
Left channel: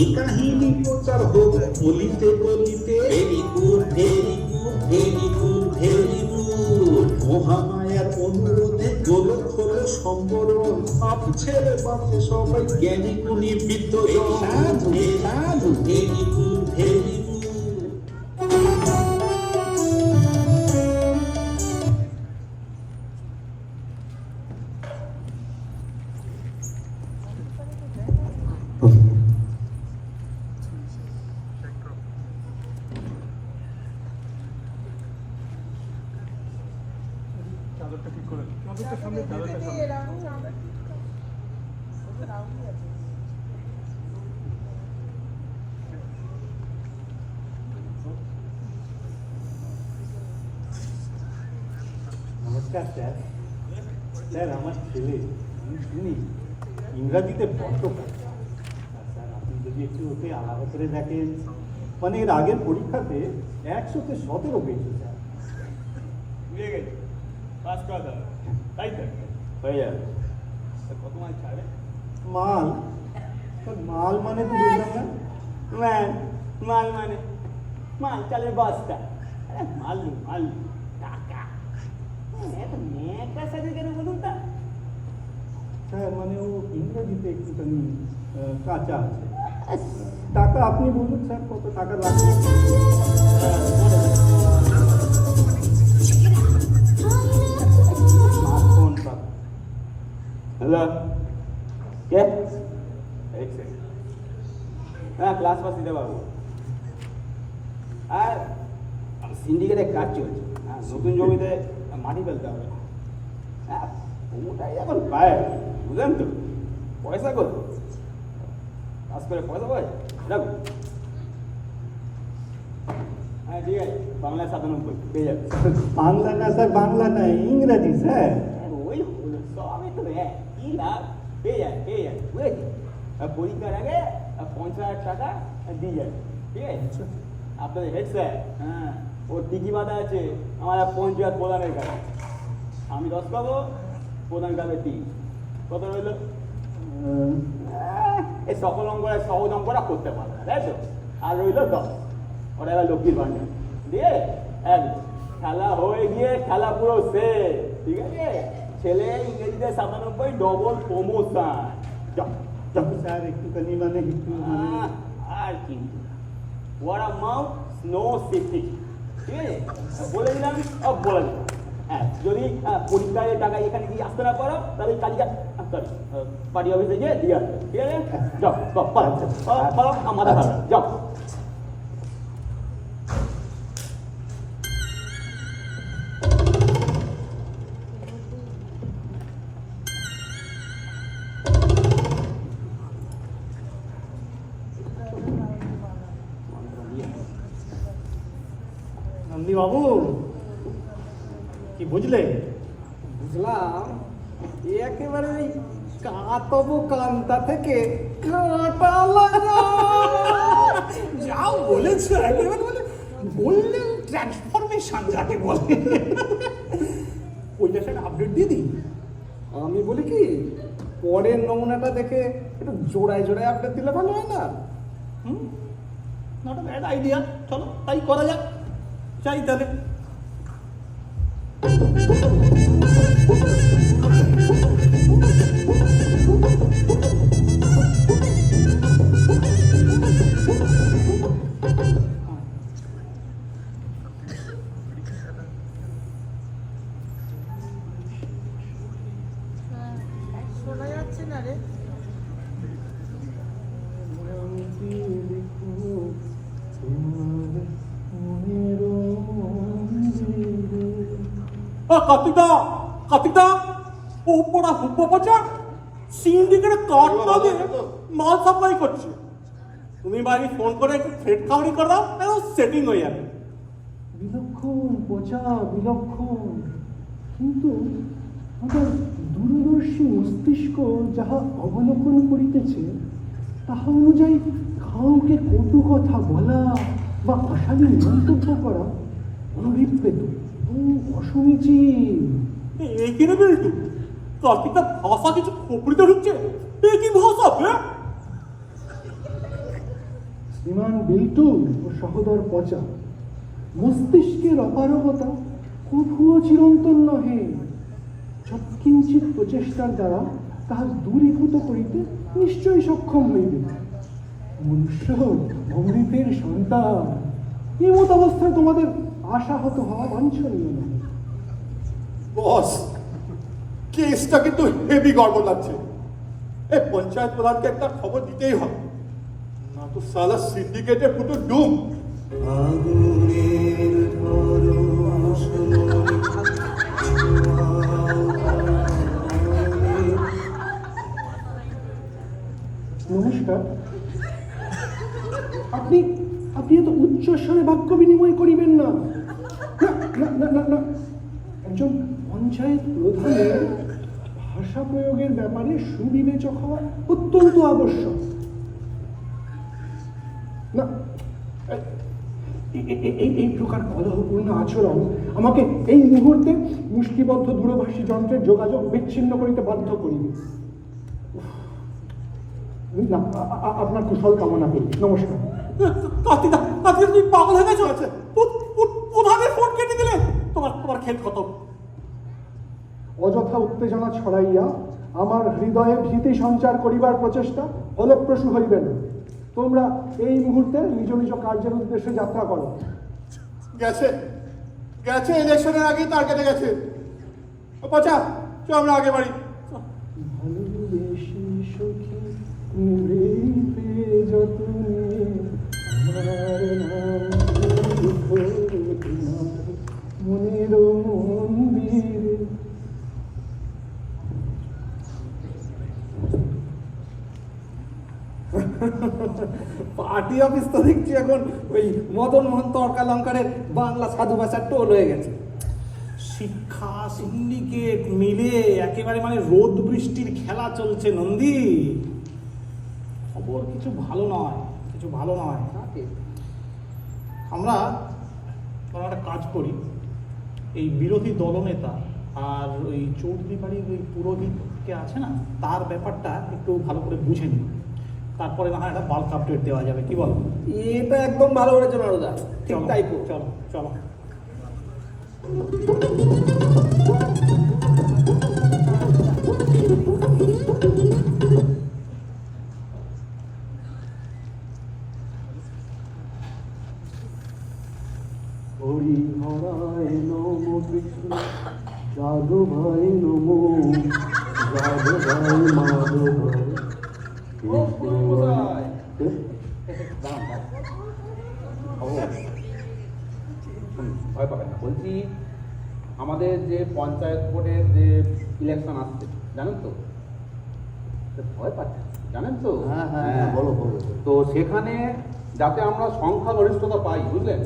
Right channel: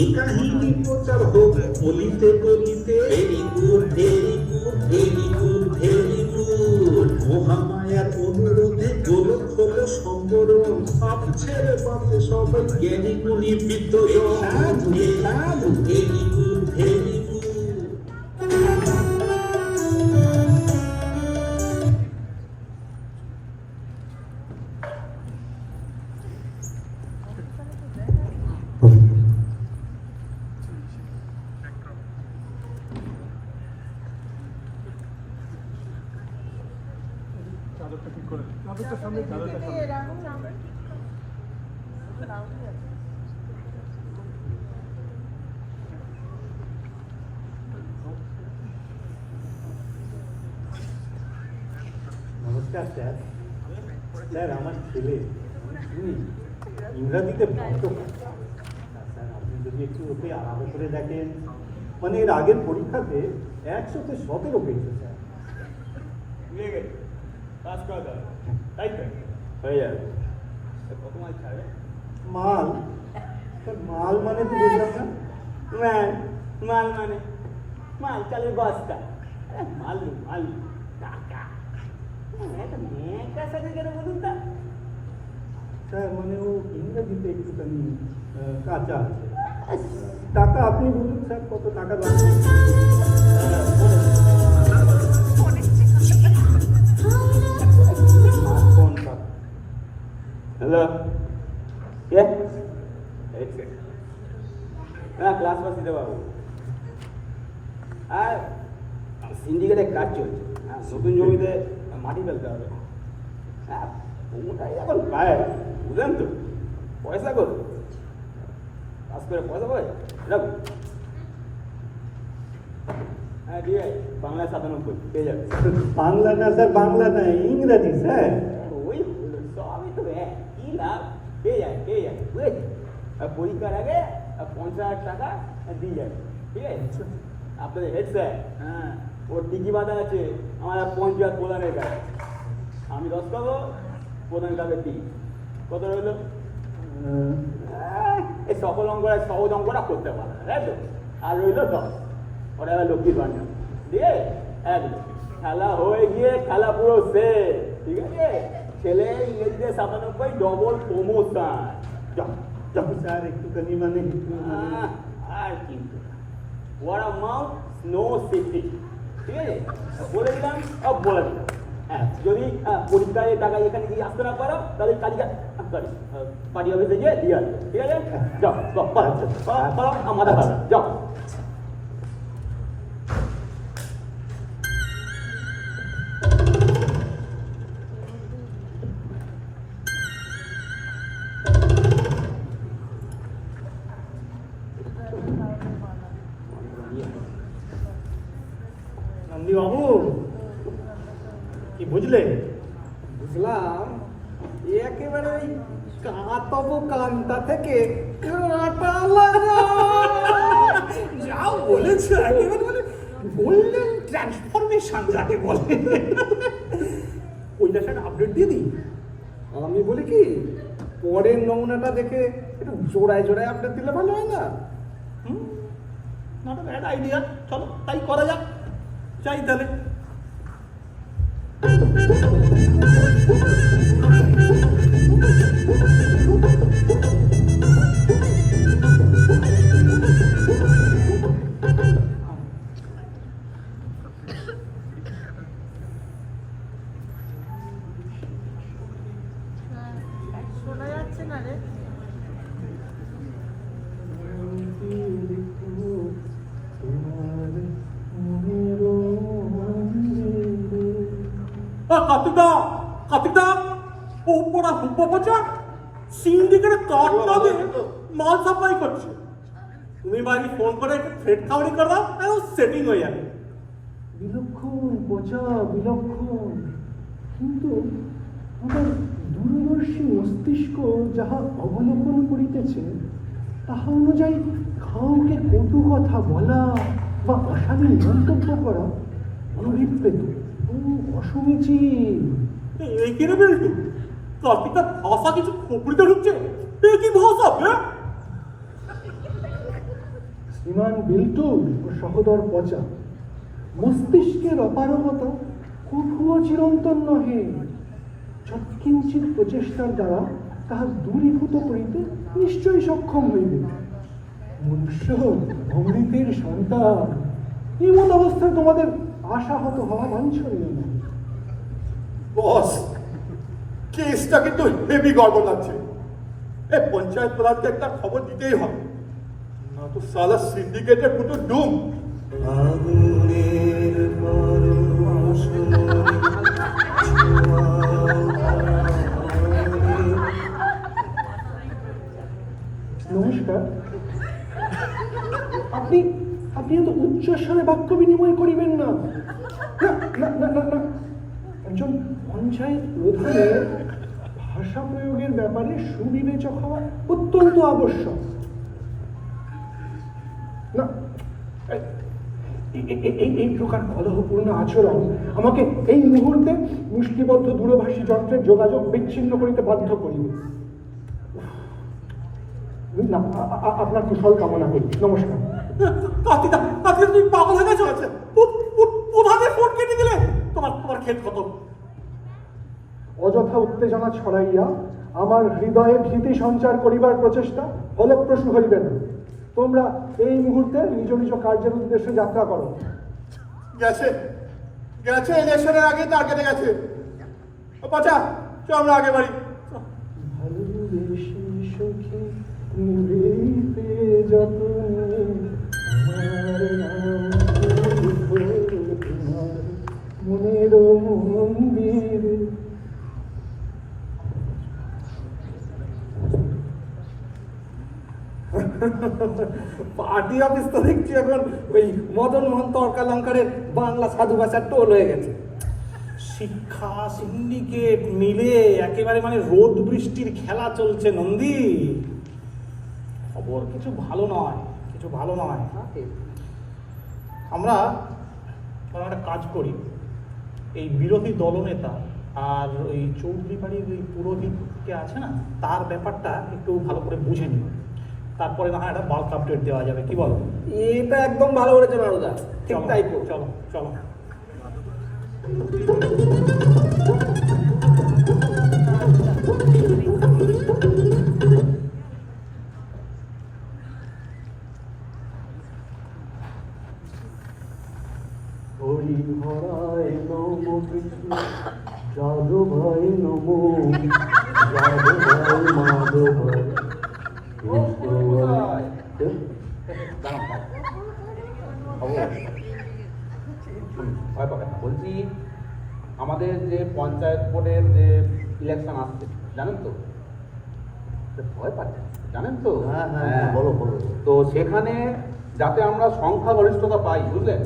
এ কাহিনী প্রচার হোক বলিতে বলিতে। Very good very good very good very good. মহামায়ার অনুরোধে গোলক হলো সম্বরণ, সব ছেড়ে বাঁচে সবাই জ্ঞানী গুণী বিদ্যজন। Very good very good. নমস্কার স্যার। স্যার আমার ছেলে শুনি ইংরাজিতে ভক্ত। স্যার আপনি যদি একটু ওকে আলাদা করে দেখেন, মানে এর আগের পরীক্ষাতে 100-17 পেয়েছে স্যার। মিলে গেছে, পাস করা যাবে, তাই তো হয়ে যাবে। কত মাল চাবে? মাল? স্যার মাল মানে তো বুঝলাম না। মাল মানে মাল চালের বস্তা। মাল মাল টাকা। একটা মেয়েটার সাথে কেন বলুন তা? স্যার মানে ও ইংরেজিতে একটুখানি কাঁচা আছে। টাকা আপনি বলুন স্যার, কত টাকা লাগবে? হ্যালো, কে? হ্যাঁ, ক্লাস পাস দিতে পারবো। আর সিন্ডিকেটে কাজ চলছে, নতুন জমিতে মাটি ফেলতে হবে। হ্যাঁ, ওটাই এখন পায়, বুঝলেন তো? পয়সা কর, পাস করে পয়সা পায়। হ্যাঁ ঠিক আছে, বাংলায় 97 পেয়ে যাবে। বাংলা না স্যার, বাংলা না, ইংরাজি স্যার। ওই হলো, সবই তো কি লাভ। পেয়ে যায় বুঝেছি। পরীক্ষার আগে 50,000 টাকা দিয়ে যাবে, ঠিক আছে? আপনাদের হেড স্যার, হ্যাঁ, ওর টিকি বাঁধা আছে আমার পঞ্চায়েত প্রধানের কাছে। আমি 10 পাবো, প্রধান কাছে টিকি। কত রইল? এই সকল অঙ্করা সহজ অঙ্করা করতে পারবে, তাই তো? আর রইল 10, ওরা এবার লক্ষ্মীর ভান্ডার দিয়ে একদম খেলা হয়ে গিয়ে খেলা পুরো শেষ, ঠিক আছে? ছেলে ইংরেজিতে 97, ডবল প্রমোশন। স্যার একটুখানি মানে আর কিন্তু ওয়ার মাউথ নো সেফটি, ঠিক আছে? বলে দিলাম, বলে দিলাম। হ্যাঁ, যদি পরীক্ষায় টাকা এখানে গিয়ে আসতে না পারো, তাহলে কালিকা সরি পার্টি অফিসে গিয়ে দিয়ে আসবে, ঠিক আছে? যাও আমাদের যাও। নন্দী বাবু কি বুঝলে? বুঝলাম, একেবারে ওই কাঁতব কান্তা থেকে কাঁটা লাগা। যা বলেছে একেবারে মানে গোল্ডেন ট্রান্সফরমেশন যাকে বলে। ওইটা স্যার আপডেট দিয়ে দিই। আমি বলি কি, পরের নমুনাটা দেখে একটু জোড়ায় জোড়ায় আপডেট দিলে ভালো হয় না? নট আ ব্যাড আইডিয়া, চলো তাই করা যাক। চাই তাহলে। কার্তিকদা ও পড়া হুব্বাচা সিন্ডিকেটে কার্ড না দিয়ে মাল সাপ্লাই করছে। তুমি বাড়ি ফোন করে একটু ফ্রেড খাবারই করে দাও, একদম সেটিং হয়ে যাবে। বিলক্ষণ পচা, বিলক্ষণ। কিন্তু আমার দূরদর্শী মস্তিষ্ক যাহা অবলোকন করিতেছে, তাহা অনুযায়ী কাউকে কটু কথা বলা বা অশালীন মন্তব্য করা অনভিপ্রেত ও অসমীচীন। এই কিনে বেলটু কার্তিকার ভাষা কিছু খোপড়িতে ঢুকছে। এ কি ভাষা বে? শ্রীমান বিল্টু ও সহোদর পচা, মস্তিষ্কের অপারগতা কঠুয়া চিরন্তন নহে, যৎকিঞ্চিৎ প্রচেষ্টার দ্বারা তাহা দূরীভূত করিতে নিশ্চয়ই সক্ষম হইবে। মনুষ্য অমৃতের সন্তান, এমত অবস্থায় তোমাদের আশাহত হওয়া বাঞ্ছনীয় নয়। বস, কেসটা কিন্তু হেভি গড়বড় লাগছে। এই পঞ্চায়েত প্রধানকে একটা খবর দিতেই হবে, না তো সালা সিন্ডিকেটের পুরো ডুম। নমস্কার। আপনি আপনি এত উচ্চস্বরে বাক্য বিনিময় করিবেন না। না না না না না, একজন পঞ্চায়েত প্রধানের ভাষা প্রয়োগের ব্যাপারে সুবিবেচক হওয়া অত্যন্ত আবশ্যক। না, এই প্রকার কলহপূর্ণ আচরণ আমাকে এই মুহূর্তে মুষ্টিবদ্ধ দূরভাষী যন্ত্রের যোগাযোগ বিচ্ছিন্ন করিতে বাধ্য করিবে। না, আপনার কুশল কামনা করি। নমস্কার। কার্তিকা, তুমি পাগল হয়ে গেছো? আছে প্রধানের ফোন কেটে দিলে তোমার খেল খতম। অযথা উত্তেজনা ছড়াইয়া আমার হৃদয়ে ভীতি সঞ্চার করিবার প্রচেষ্টা ফলপ্রসূ হইবে না। তোমরা এই মুহূর্তে নিজ নিজ কার্যের উদ্দেশ্যে যাত্রা করো। গেছে গেছে, ইলেকশনের আগেই তার কেটে গেছে। পচা, চল আমরা আগে বাড়ি। ভালোবেসে সখী নিভৃতে যতনে আমার নাম মনের মন্দিরে। পার্টি অফিস তো দেখছি এখন ওই মদন মোহন তর্কালঙ্কারের বাংলা সাধু ভাষার টোল হয়ে গেছে। শিক্ষা সিন্ডিকেট মিলে একেবারে মানে রোদ বৃষ্টির খেলা চলছে নন্দী। খবর কিছু ভালো নয়, কিছু ভালো নয়। আমরা একটা কাজ করি, এই বিরোধী দলনেতা আর ওই চৌধুরী বাড়ির ওই পুরোহিতকে আছে না, তার ব্যাপারটা একটু ভালো করে বুঝে নিই, তারপরে না হয় একটা বাল্ক আপডেট দেওয়া যাবে। কি বলো? এটা একদম ভালো করেছে নারুদা, ঠিক তাই করো। চলো চলো। হরি হরায় নম কৃষ্ণ যাদবায় নম যাদবায় মাধবায় বলছি, আমাদের যে পঞ্চায়েত বোর্ডের যে ইলেকশন আসছে জানেন তো? ভয় পাচ্ছেন জানেন তো? হ্যাঁ, বলো বলো। তো সেখানে যাতে আমরা সংখ্যাগরিষ্ঠতা পাই, বুঝলেন,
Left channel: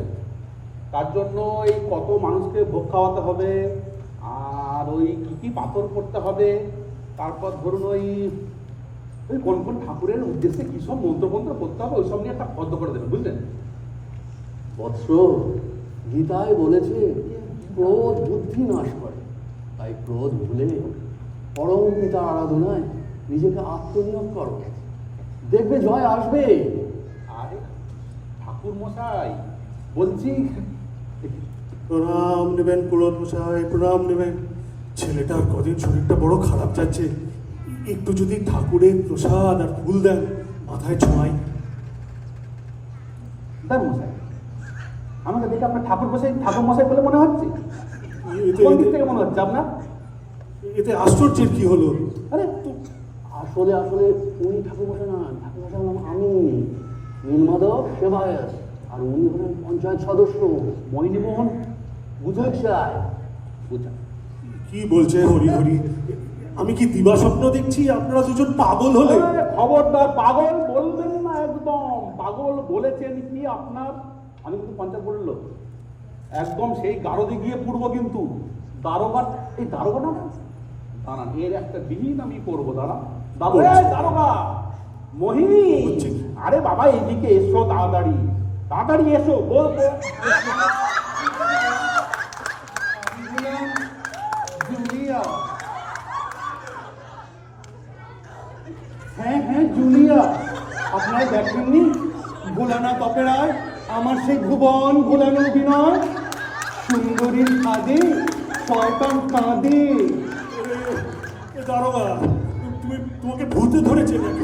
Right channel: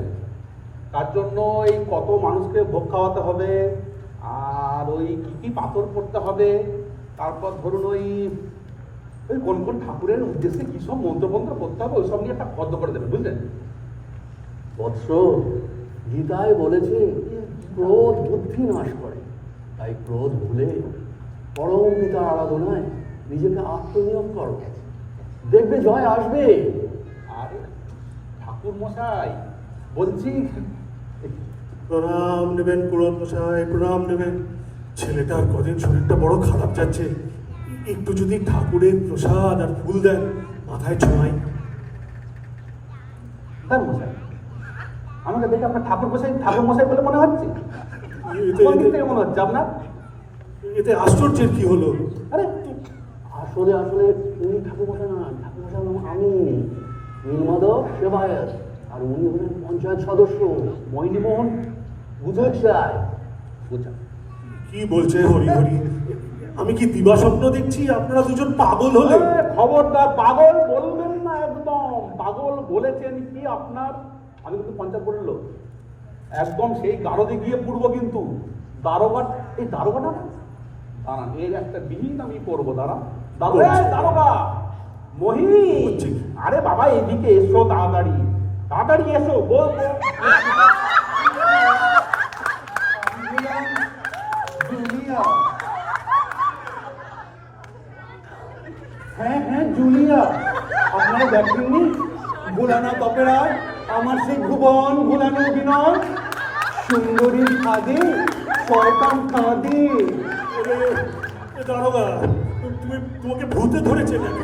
তার জন্য এই কত মানুষকে ভোগ খাওয়াতে হবে, আর ওই কি পাথর পড়তে হবে, তারপর ধরুন ওই কোন কোন ঠাকুরের উদ্দেশ্যে কি সব মন্ত্রমন্ত্র করতে হবে, ওই সব নিয়ে একটা পদ্ম করে দেবেন, বুঝলেন? বৎস, গীতায় বলেছে ক্রোধ বুদ্ধি নাশ করে, তাই ক্রোধ ভুলে পরম পিতার আরাধনায় নিজেকে আত্মনিয়োগ করো, দেখবে জয় আসবে। আরে ঠাকুর মশাই বলছি, প্রণাম নেবেন পুরোহিত মশাই, প্রণাম নেবেন। ছেলেটার কদিন শরীরটা বড় খারাপ যাচ্ছে, একটু যদি ঠাকুরের প্রসাদ আর ফুল দেন মাথায় ছোঁয়াই। দান মশাই, আমাকে দেখে আপনার ঠাকুর মশাই বলে মনে হচ্ছে? কোন দিক থেকে মনে হচ্ছে আপনার? এতে আশ্চর্যের কি হলো? আরে আসলে উনি ঠাকুরমশাই না, ঠাকুরমশাই আমি নীলমাধব সেবায়ত, আর উনি হলেন পঞ্চায়েত সদস্য মৈনীমোহন বুঝায়। কি বলছে হরি হরি? আমি কি দিবা স্বপ্ন দেখছি? আপনারা দুজন পাগল হলে? খবরদার, পাগল বলবেন না, একদম পাগল বলেছেন কি আপনার? আমি কিন্তু পঞ্চায়েত বোর্ডের লোক, একদম সেই গারদে গিয়ে পড়বো, কিন্তু এই দারোগাটা দাঁড়ান, এর একটা বিহিত আমি করবো। দাঁড়ান দারোগা, মহি আরে বাবা এদিকে এসো তাড়াতাড়ি, তাড়াতাড়ি এসো বল। জুলিয়া, হ্যাঁ হ্যাঁ জুলিয়া, আপনারা দেখেননি ভোলানাথ অপেরায় আমার সেই ভুবন ভোলানো অভিনয়? সুন্দরীর কাঁদে শয়তান কাঁদে। দারোগা, তোমাকে ভূতে ধরেছে নাকি?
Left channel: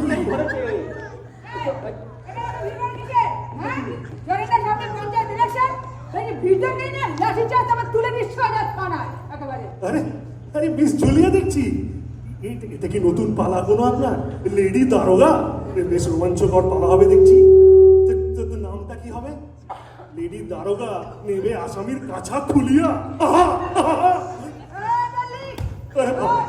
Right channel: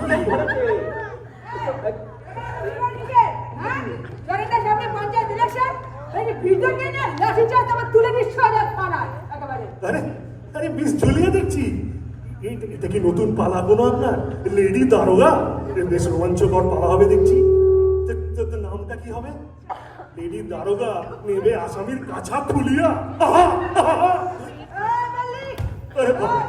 আরে আরে মিস জুলিয়া দেখছি, এটা কি নতুন পালা কোনো আপনার? লেডি দারোগা, বেশ রোমাঞ্চকর পালা হবে দেখছি। নামটা কি হবে? লেডি দারোগা নেবে আসামির কাছা খুলিয়া। আহা, আহা, আরে বাবা।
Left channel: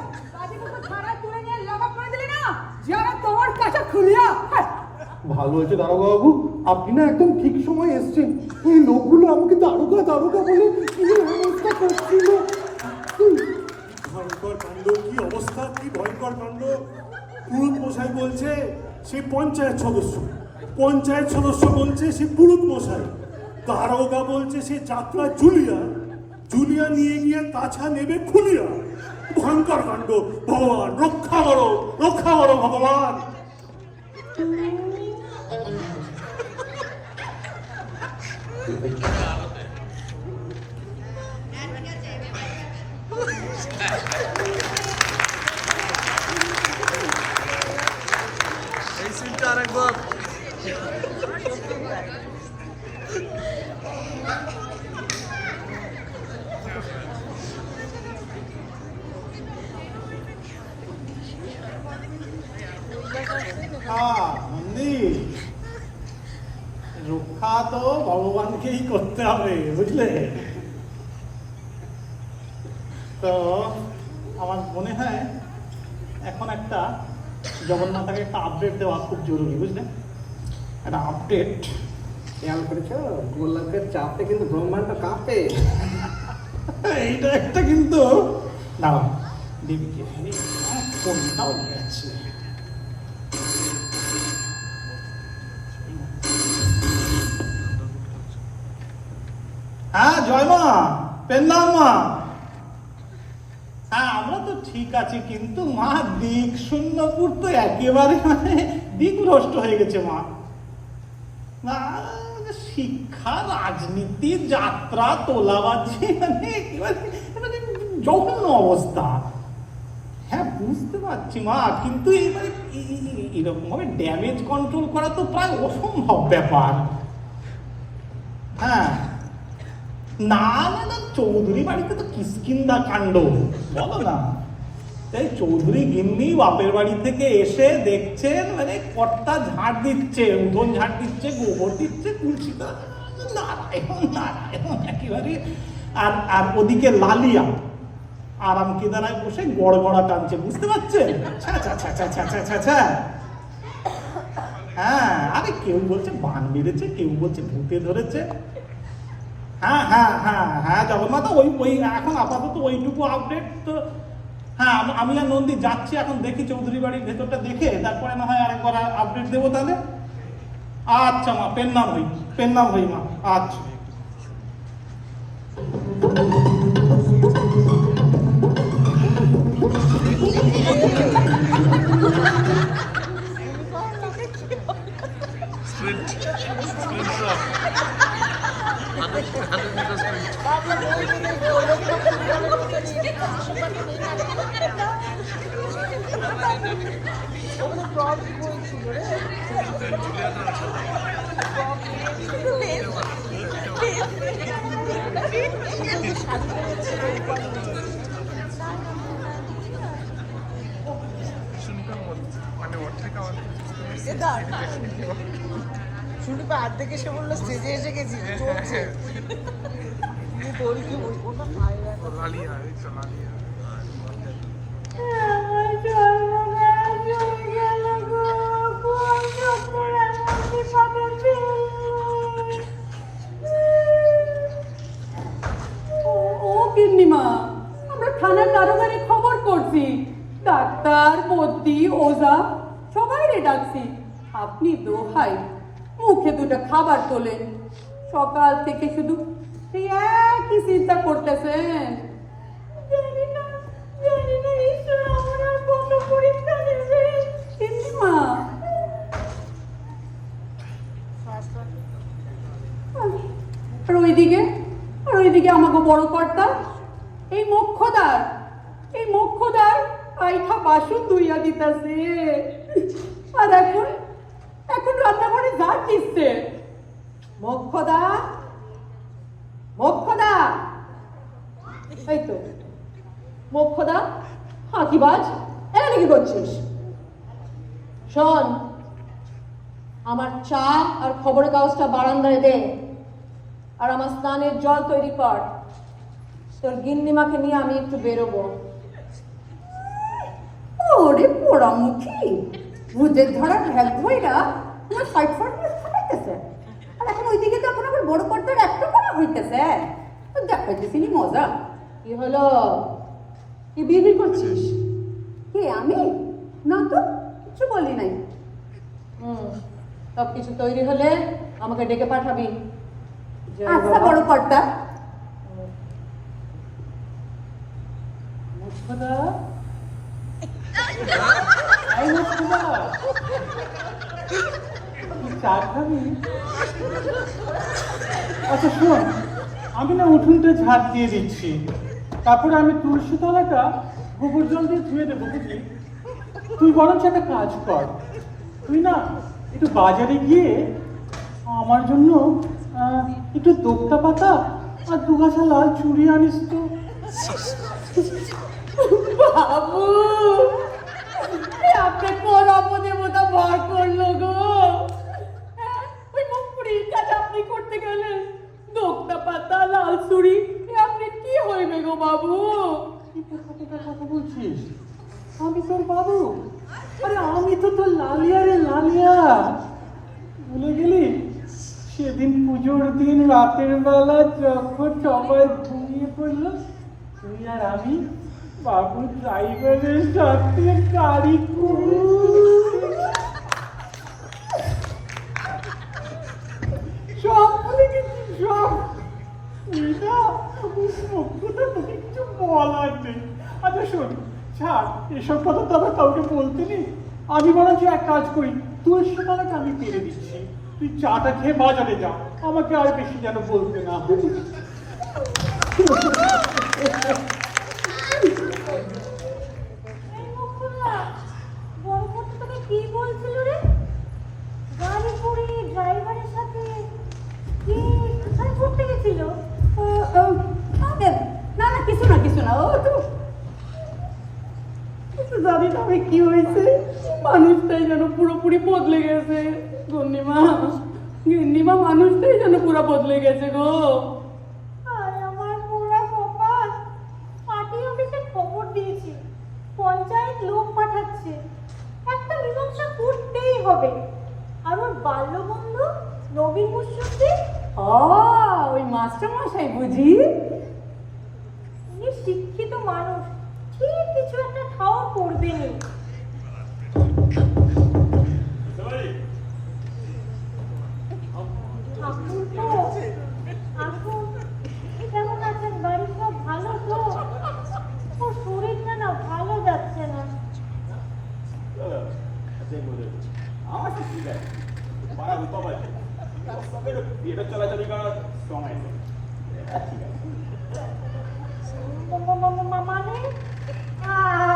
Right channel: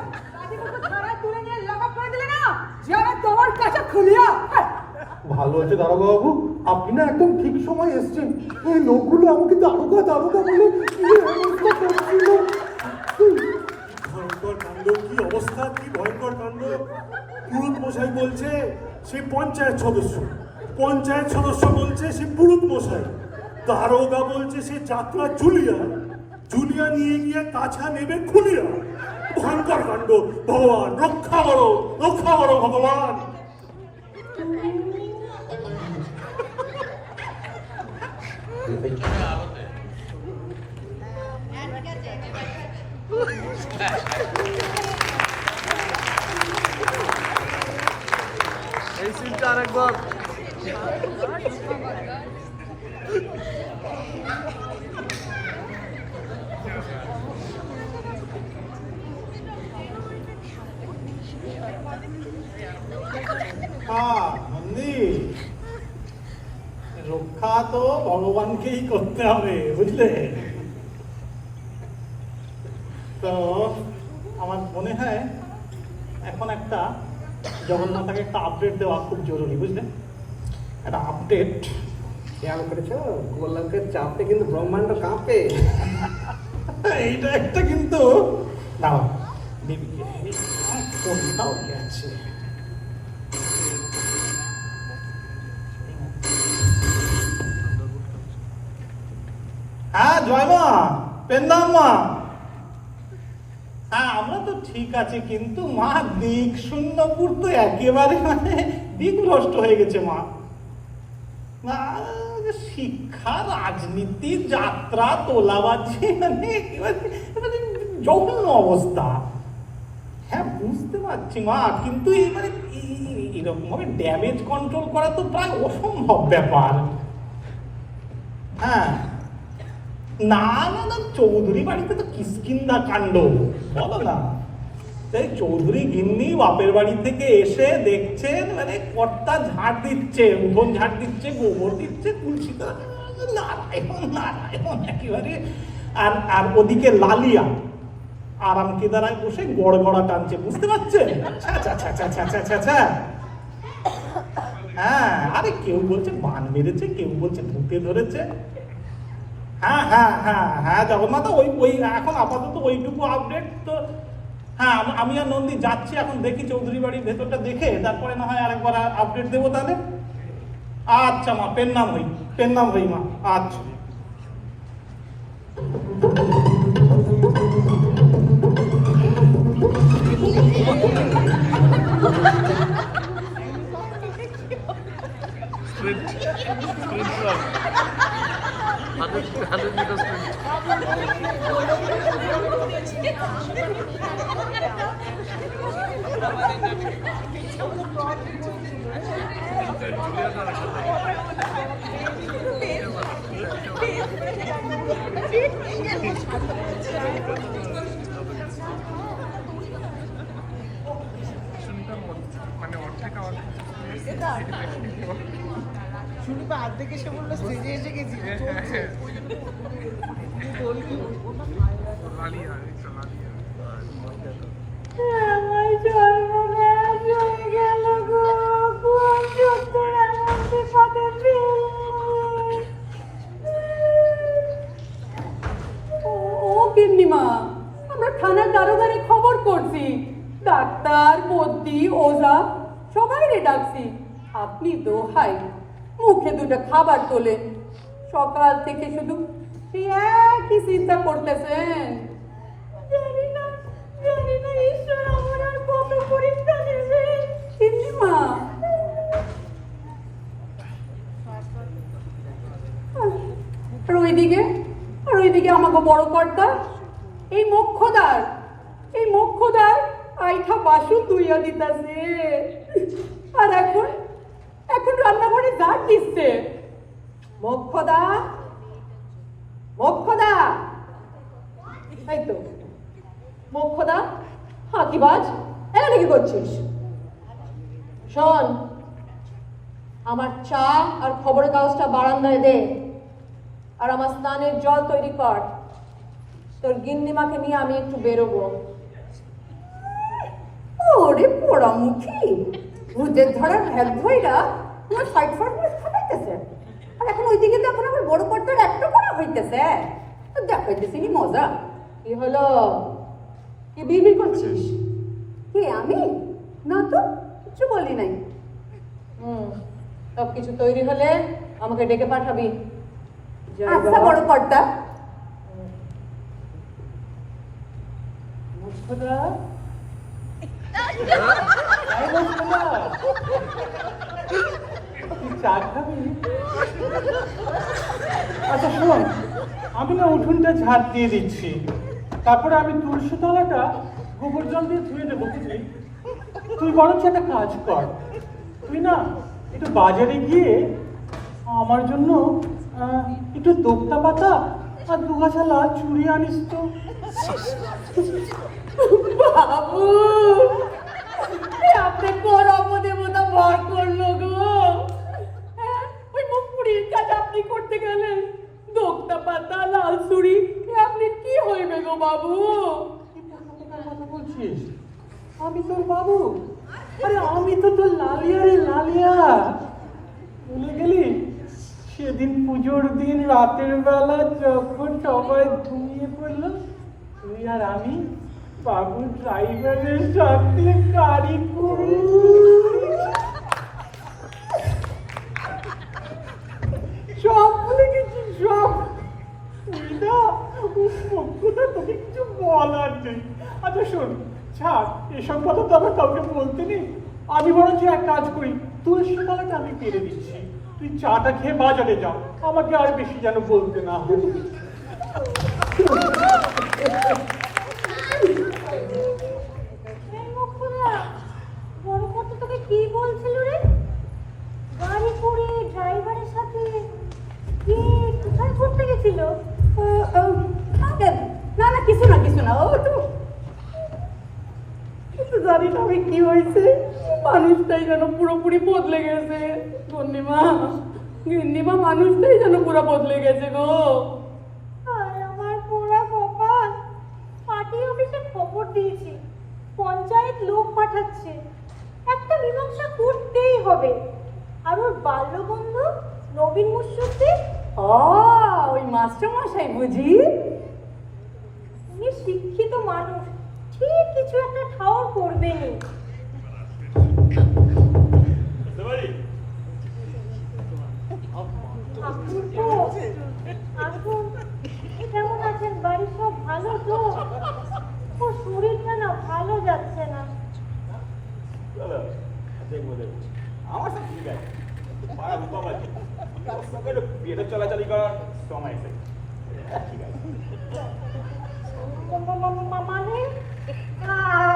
ভালো হয়েছে দারোগা বাবু, আপনি না একদম ঠিক সময় এসছেন। এই লোকগুলো আমাকে দারোগা দারোগা বলে কি অবস্থা করছিল। ভয়ঙ্কর কাণ্ড, কি অবস্থা, কি ভয়ঙ্কর কাণ্ড। পুরুত মশাই বলছে সে পঞ্চায়েত সদস্য, পঞ্চায়েত সদস্য বলছে সে পুরুত মশাই, দারোগা বলছে সে যাত্রা জুলিয়া, জুলিয়া নিয়ে গিয়ে কাছা নেবে খুলিয়া। ভয়ঙ্কর কাণ্ড। ভগবান রক্ষা করো, রক্ষা করো ভগবান। এই সিনটা আরেকবার। রক্ষা তো ভগবানকেই করতে হবে, বুঝলে? তো আমার মনে হয় এখন একটা জগন্নাথকে একটা আপডেট দেওয়া খুব জরুরি, বুঝলে? একটা আপডেট। খেয়াল করেছো গোলকের চাপে কিন্তু ব্রহ্মাণ্ড কাঁপে। এইটা একটা কিন্তু দাঁড়াও, দেবীকে কোনটাও গেছে। হ্যাঁ জয় মা, পেন্দাম মা। হ্যাঁ আমরা তো ঠিক আছে, কিন্তু মা দিক শূন্যপুর তো একেবারে মানে দিকভ্রষ্ট হয়ে গেছে মা। না শিক্ষা, রাজনীতি, যাত্রা, তোলাবাজি, মানে একেবারে জঘন্য অবস্থা। হ্যাঁ বুঝতে পারছি মা, কিন্তু মানে এরকম ভাবে ড্যামেজ কন্ট্রোল করা তো প্রায় অসম্ভব ব্যাপার। হ্যাঁ না না না, চৌধুরী বাড়িতে তো কিষ্কিন্দা কাণ্ড, বলো না? তাই চৌধুরী গিন্নি বাপের বাড়ি থেকে এসে দেখছেন মানে কর্তা ঝাড় দিচ্ছে, উঠোন ঝাড় দিচ্ছে, গোবর দিচ্ছে, তুলসী নারায়ণ নারায়ণ একেবারে। আর আর ওদিকে লালিয়া আরাম কেদারায় বসে গড়গড়া টানছে, বুঝতে পারছেন? হ্যাঁ আরে কেউ বলছে বান মেরেছে, কেউ বলছে ভূতে ধরেছে। হ্যাঁ হ্যাঁ হ্যাঁ হ্যাঁ জগন্নাথ, ওই ওই এখন আপাতত ওইটুকু আপডেট তো। হ্যাঁ আমি আর নন্দী যাচ্ছি এখন, দেখি চৌধুরী বাড়ির ভেতরটা দেখে তারপরে না হয় আরেকবার আপডেট দেবো তাহলে। আচ্ছা মা, পেন্নাম হই মা। আচ্ছা Sprint run. 100 meter sprint. মানে অর্ধেক আমাদের শুরু অর্ধেক এসে বললো স্টেজে এসে গেছি। লালিয়া লালিয়া আমরা থানার দারোগারে খবর করছি, ডাক্তার বদ্যি ওঝা সবাই রে ডাকছি, আপনি দোহাই মুখে দুটো খাবার তোলেন, সকাল থেকে শুধু এই একই চিন্তা করতেছেন। জানি না ঈশ্বর আমার আর কত পরীক্ষা নেবে। গিন্নিমা, আর ওইদিকে আমাকে বড় কর্তা এই মোক্ষদার আইঠা বাসন ধুইয়া দিতেছে, আর এখন রান্নাঘরে ঝাড় দিচ্ছে। মোক্ষদা, এই তো মোক্ষদা, হাঁকিবাজ, এখানে কি করছিস? শোন, আমার চা আর খবরের কাগজটা বারান্দায় দে, আর আমার স্নানের জল তৈরি কর। তোর গিন্নিমাকে নিয়ে আমি একটু বেরোবো। ওরে পোড়ামুখী, ভুজের ধরা ঢ্যাক ধইরা না ফাইট খাইতেছে, আর এখন ওইদিকে তো এখন আবার বড় কর্তার একটা করা হইতেছে। দেখাইতেছি নি মজা। কি হলো, কি বিড়বিড় করছিস? কে, আমি? না তো, কিছু বলি নাই। সব কিছু তৈরি হলে আমাকে ডেকে পাঠাবি। আচ্ছা বড় কর্তা। আচ্ছা শোন, আমি না উঠোনটা ঝাড় দিয়ে দিচ্ছি, তারপরে আমি তুলসী তলাটা গোবর জল দিয়ে ধুয়ে দেবো, বুঝলি? তুই বরঞ্চ একটা কাজ কর, তুই না একটু বাজারে গিয়ে আমার জন্য একটু দোক্তা পাতা আর 2 গাছা লাল চুড়ি আনিস তো। বাবু, আপনি কোন অপদেবতা ভর করলো গো? ওই মুখপুরির কাজ আপনি করতে গেলেন, দোক্তা পাতা লাল চুড়ি, আপনি কি হইবে গো বাবু? বলছিস আমি তোর বাবু? আরে আমি তো তোর লালিয়া রে, লালিয়া। ভুলে গেলি সেদিন পুজোর দিন রাতের বেলা যখন সবাই ঘুমিয়ে পড়লো, তুই আর আমি বাবু ড্রাইভারের সাথে গাড়ি করে সব ভুলে গেছি, সব। তুই না মুখটা তোকে কিছু বলার নেই। আচ্ছা শোন, ছাড় এসব কথা তো আবার কাউকে বলতে নেই। আমি বরঞ্চ এক কাজ করি, তুলসী মালাটা আমি পেরে দিচ্ছি, তুই চাটা খেয়ে বাজারে যা, আমাকে আর বেশি যেন বলতে না। বড় কর্তা তোকে কি বলছিল রে? গাড়ি করে ড্রাইভারের সাথে কি কোথায় করতে গেছিল? না না, কিছু না, ও তো জানি না আমি কি হয়েছে, মানুষটাই যেন পুরোপুরি বদলে গেছে। গিন্নিমা মানুষটাই যেন পুরো বদলে গেছে গো। আর আমার পোড়া কপাল, পার্টি অফিসে খবর দিয়েছি, পঞ্চায়েত লোক পাঠাচ্ছে, একটা মীমাংসা করতেই হবে। আর ওর বাল্যবন্ধু নবীন মুশরফি, ওই মাস্টার মশাই বুঝি? উনি শিক্ষিত মানুষ, ঠিক কিছু একটা ঠাওর করবেনই। কেমন আছেন? বাড়ির সব ভালো তো? ওর শরীরটা না ভালো যাচ্ছে না। আমার তো ঠিক আছে, বিয়েটা চলাচলি করার সময় ঠিক আছে। মানে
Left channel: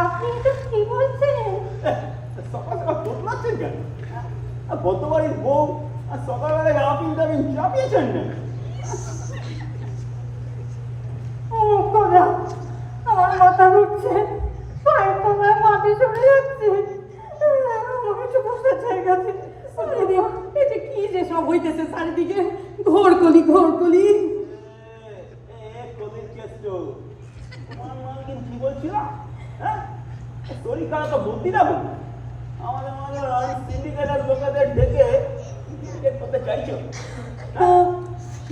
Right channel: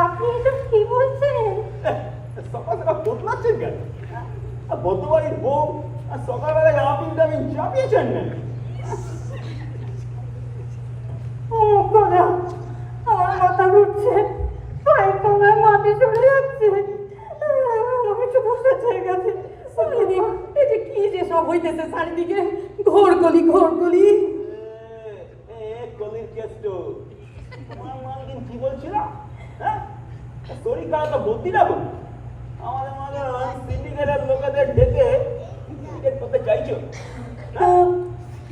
আপনি এটা কি বলছেন? সকাল সকাল বদলাচ্ছেন কেন? গতবারের বউ সকালবেলায় আপনি চাপিয়েছেন না? আমার মাথা ঘুরছে, পায়ের তোমার মাটি চলে যাচ্ছে, আমাকে ছোট হয়ে গেছে। এই যে কি যে সব হইতেছে চারিদিকে, ঘোরকলি। কলির কেস তো তোমার মা কি বলছিল? হ্যাঁ, শরীর খারাপটা বলতি না বল? আমার মনে হয় সিন্ডিকেটের লোকেদের ডেকে টিকেট করতে চাইছো?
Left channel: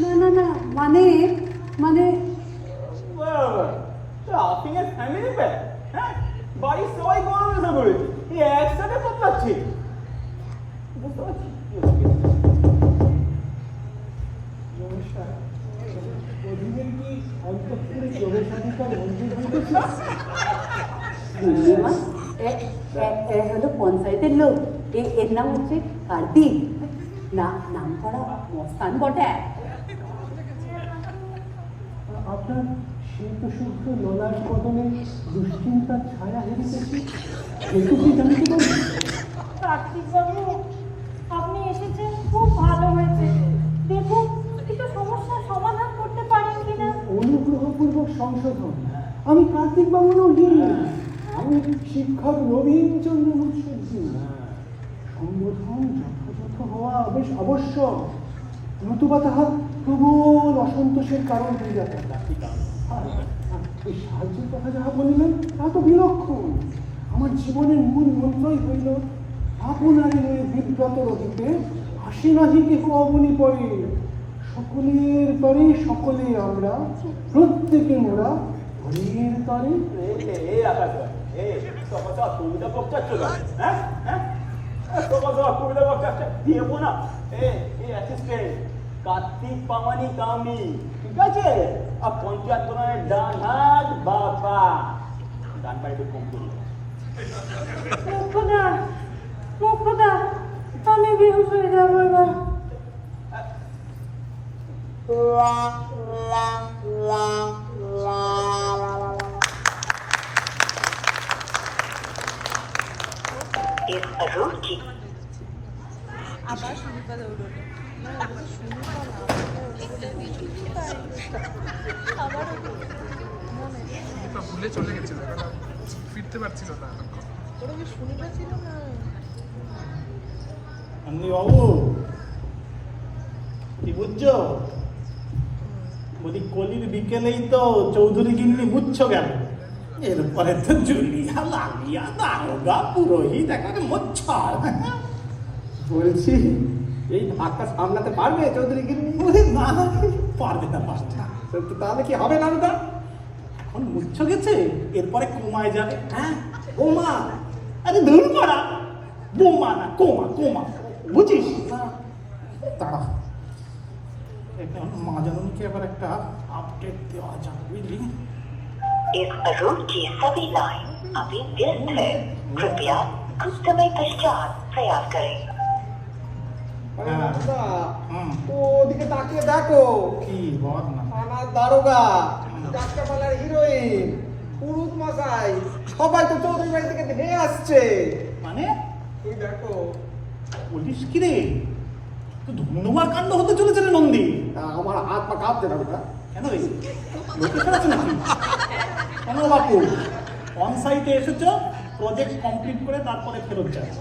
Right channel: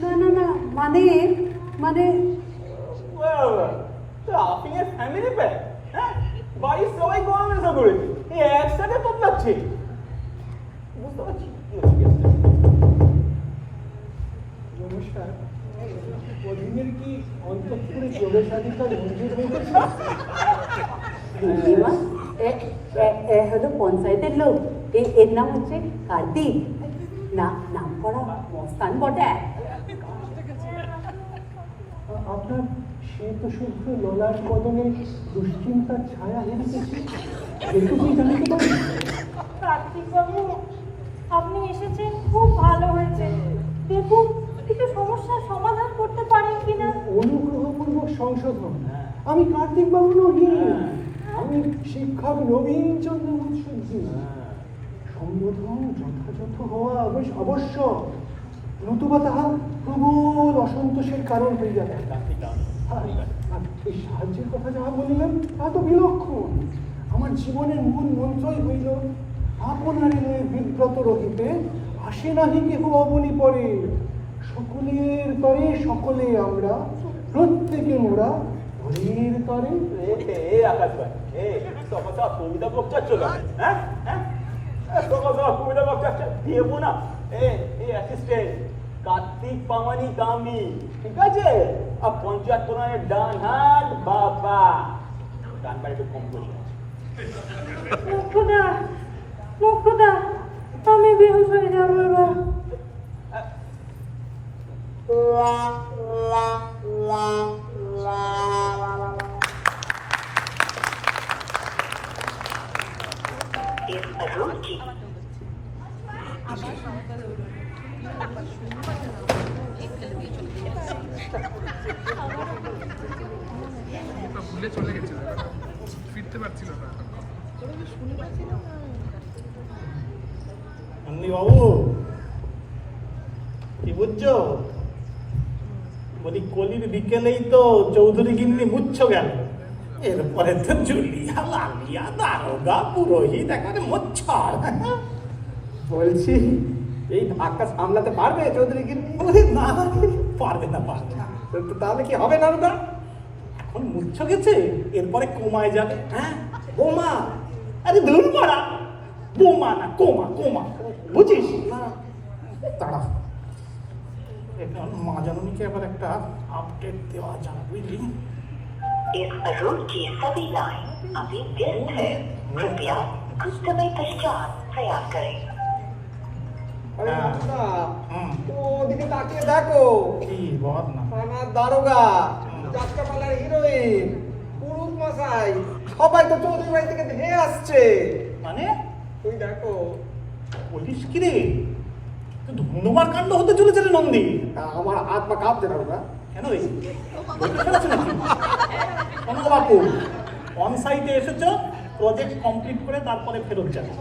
না, মানে আপনি ফ্যামিলি প্যাক, হ্যাঁ, বাড়ির সবাই গরমের করেছে, একসাথে বদলাচ্ছে। বুঝতে মেয়েদের কি অন্তঃপুরে প্রবেশাধিকার মঞ্জুর হয়েছে? হলো পঞ্চায়েতের লোক, এর নাম হচ্ছে কার্তিক, নাম করা মস্তান বটে। আপনার শ্বেত শুভ্র ললাট বদলে দুশ্চিন্তার ছায়া হেরিতেছে, একটু কি জানতে পারি? কার্তিক বাবু, আপনি এসেছেন খুব ভালো হয়েছে। দেখুন কিছু সমস্যার সমাধান করতে পারেন কিনা। অনুগ্রহপূর্বক সংশোধন। আমি কার্তিক বাবু নহি, আমি শিক্ষক নবীন চন্দ্র মুখার্জি। সম্বোধন যথাযথ হওয়া বেশ আবশ্যক, নতুবা তাহা প্রবল অসন্তোষের কারণ হয়ে যাবে। এই সাহায্যের কথা যাহা বলিলাম তা তো বিলক্ষণ। আমার জীবনের মূল মন্ত্রই হইল আপনারই বিব্রত রহিতে আসে নাহি কেহ অবনি পরে, সকলের তরে সকলে আমরা, প্রত্যেকে মোরা হরির তরে। কবিতা বক্তা চলো, হ্যাঁ হ্যাঁ, কবিতা বক্তা দিয়েবো না। এই অ্যাসিস্ট্যান্ট কার্তিক পামানি কামি, ঠিক আছে? আর পঞ্চায়েত কোনায় ডান হাত বাবা, ডান পায়ে একটু কম করবো। মুখুদা, আমি বেহুশ হয়ে যাবো এবার। ভুলে চলে গেছিল, ফিরতে পারছিল না এতক্ষণ। অমনি বাবু কি বুঝছো? বলি কলির বিকেলেই তো চৌধুরী গিন্নি মুচ্ছ গেল, এরপরে তো জুলিয়া, লালিয়া, দারোগা, পুরোহিত, একেবারে মোচ্ছার। বলছি এই ধাক্কা সামলাতে পারবে চৌধুরী গিন্নি? না পারবে না, পারবে না। তো তাহলে কি হবে না ওটা? এখন মুচ্ছ গেছে, এরপরে কমায় যাবে। হ্যাঁ বোমা, আরে ধুর মারা, বোমা না কোমা, কোমা, বুঝিস? তারা এখন মা জানুনিকে এবার একটা আপডেট দেওয়া যাবে, বুঝলি? इस रूट की सभी लाइन अभी व्यस्त है, कृपया कुछ समय पश्चात प्रयास करें। আরে বাবা, হুম। ওদিকে তাকিয়ে দেখো, কি বল না? আমার দারোগা, যাত্রাপালার হিরোইন, পুরুত মশাই, সবাই তো চৌধুরী বাড়ি থেকে ধেয়ে আসছে। মানে ওই দেখো, বলিস কি রে, তুই ধন্যবাদ কাণ্ড হতে চলেছিল নন্দী। আমার হাত পা কাঁপছে দারোগা। কেন এই লোকেশন আছে নাকি? কেন বাপু অন সাইটে এসেছো, প্রজেক্ট কমপ্লিট করে তারপরে ফেরত যাবে।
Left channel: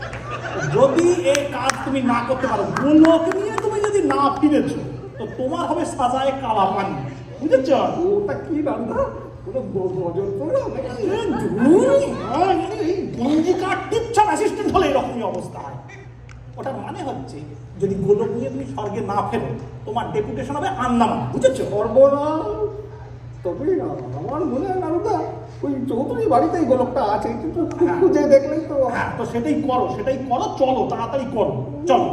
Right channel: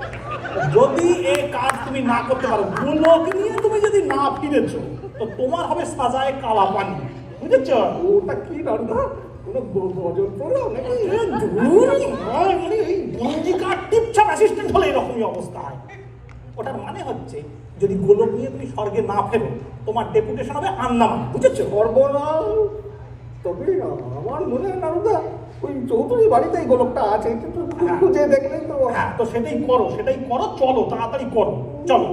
যদি এই কাজ তুমি না করতে পারো, লোক নিয়ে তুমি যদি না ফিরেছো, তো তোমার হবে সাজায় কালা পানি, বুঝেছ? ওটা কি দারোগা? কোনো গজল পড়ো নাকি? মানে এই গঞ্জি কাঠ টিপছাপ অ্যাসিস্ট্যান্ট হলে এরকমই অবস্থা হয়। ওটার মানে হচ্ছে যদি গোলক নিয়ে তুমি স্বর্গে না ফেরো, তোমার ডেপুটেশন হবে আন্দামান, বুঝেছো? সর্বনাম। তবে না, আমার মনে হয় দারোগা ওই চৌধুরী বাড়িতেই গোলকটা আছে, কিন্তু খুঁজে দেখলে তো। হ্যাঁ, তো সেটাই করো, সেটাই করো, চলো তাড়াতাড়ি করো, চলো।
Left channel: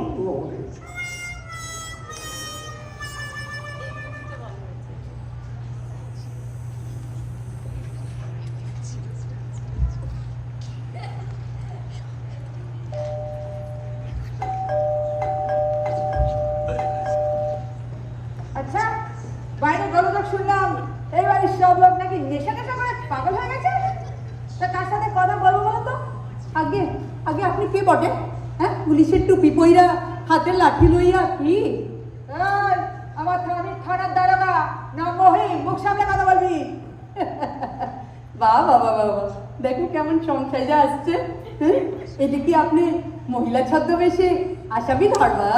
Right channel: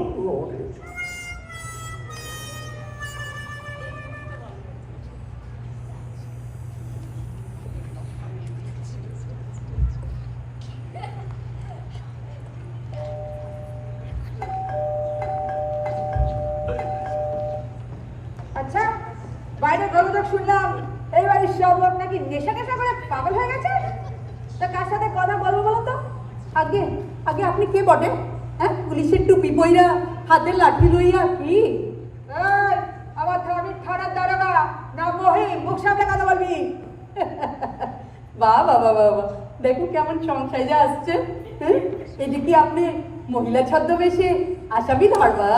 আচ্ছা, বাইরে গলদক শুনলাম এই বাড়ির সব লোক নাকি নেশা নেশা করে পাগল হয়ে গেছে। তা কার সাথে কথা বলবো বলো তো? আগে আগে আপনি কে বটে? হ্যাঁ, পুলিশের টুপি পইরা, হাতে লাঠি লইয়া কি? এই, আমার থানার দারোগা নাম মহিম, মুখ সামনে কথা বলবি। বাহ বাবা বাবা, দেখুন কেমন সংসারে আসছে। হ্যাঁ, এটা কি আপনি মহিলা ছদ্মবেশে আসামি ধরবা?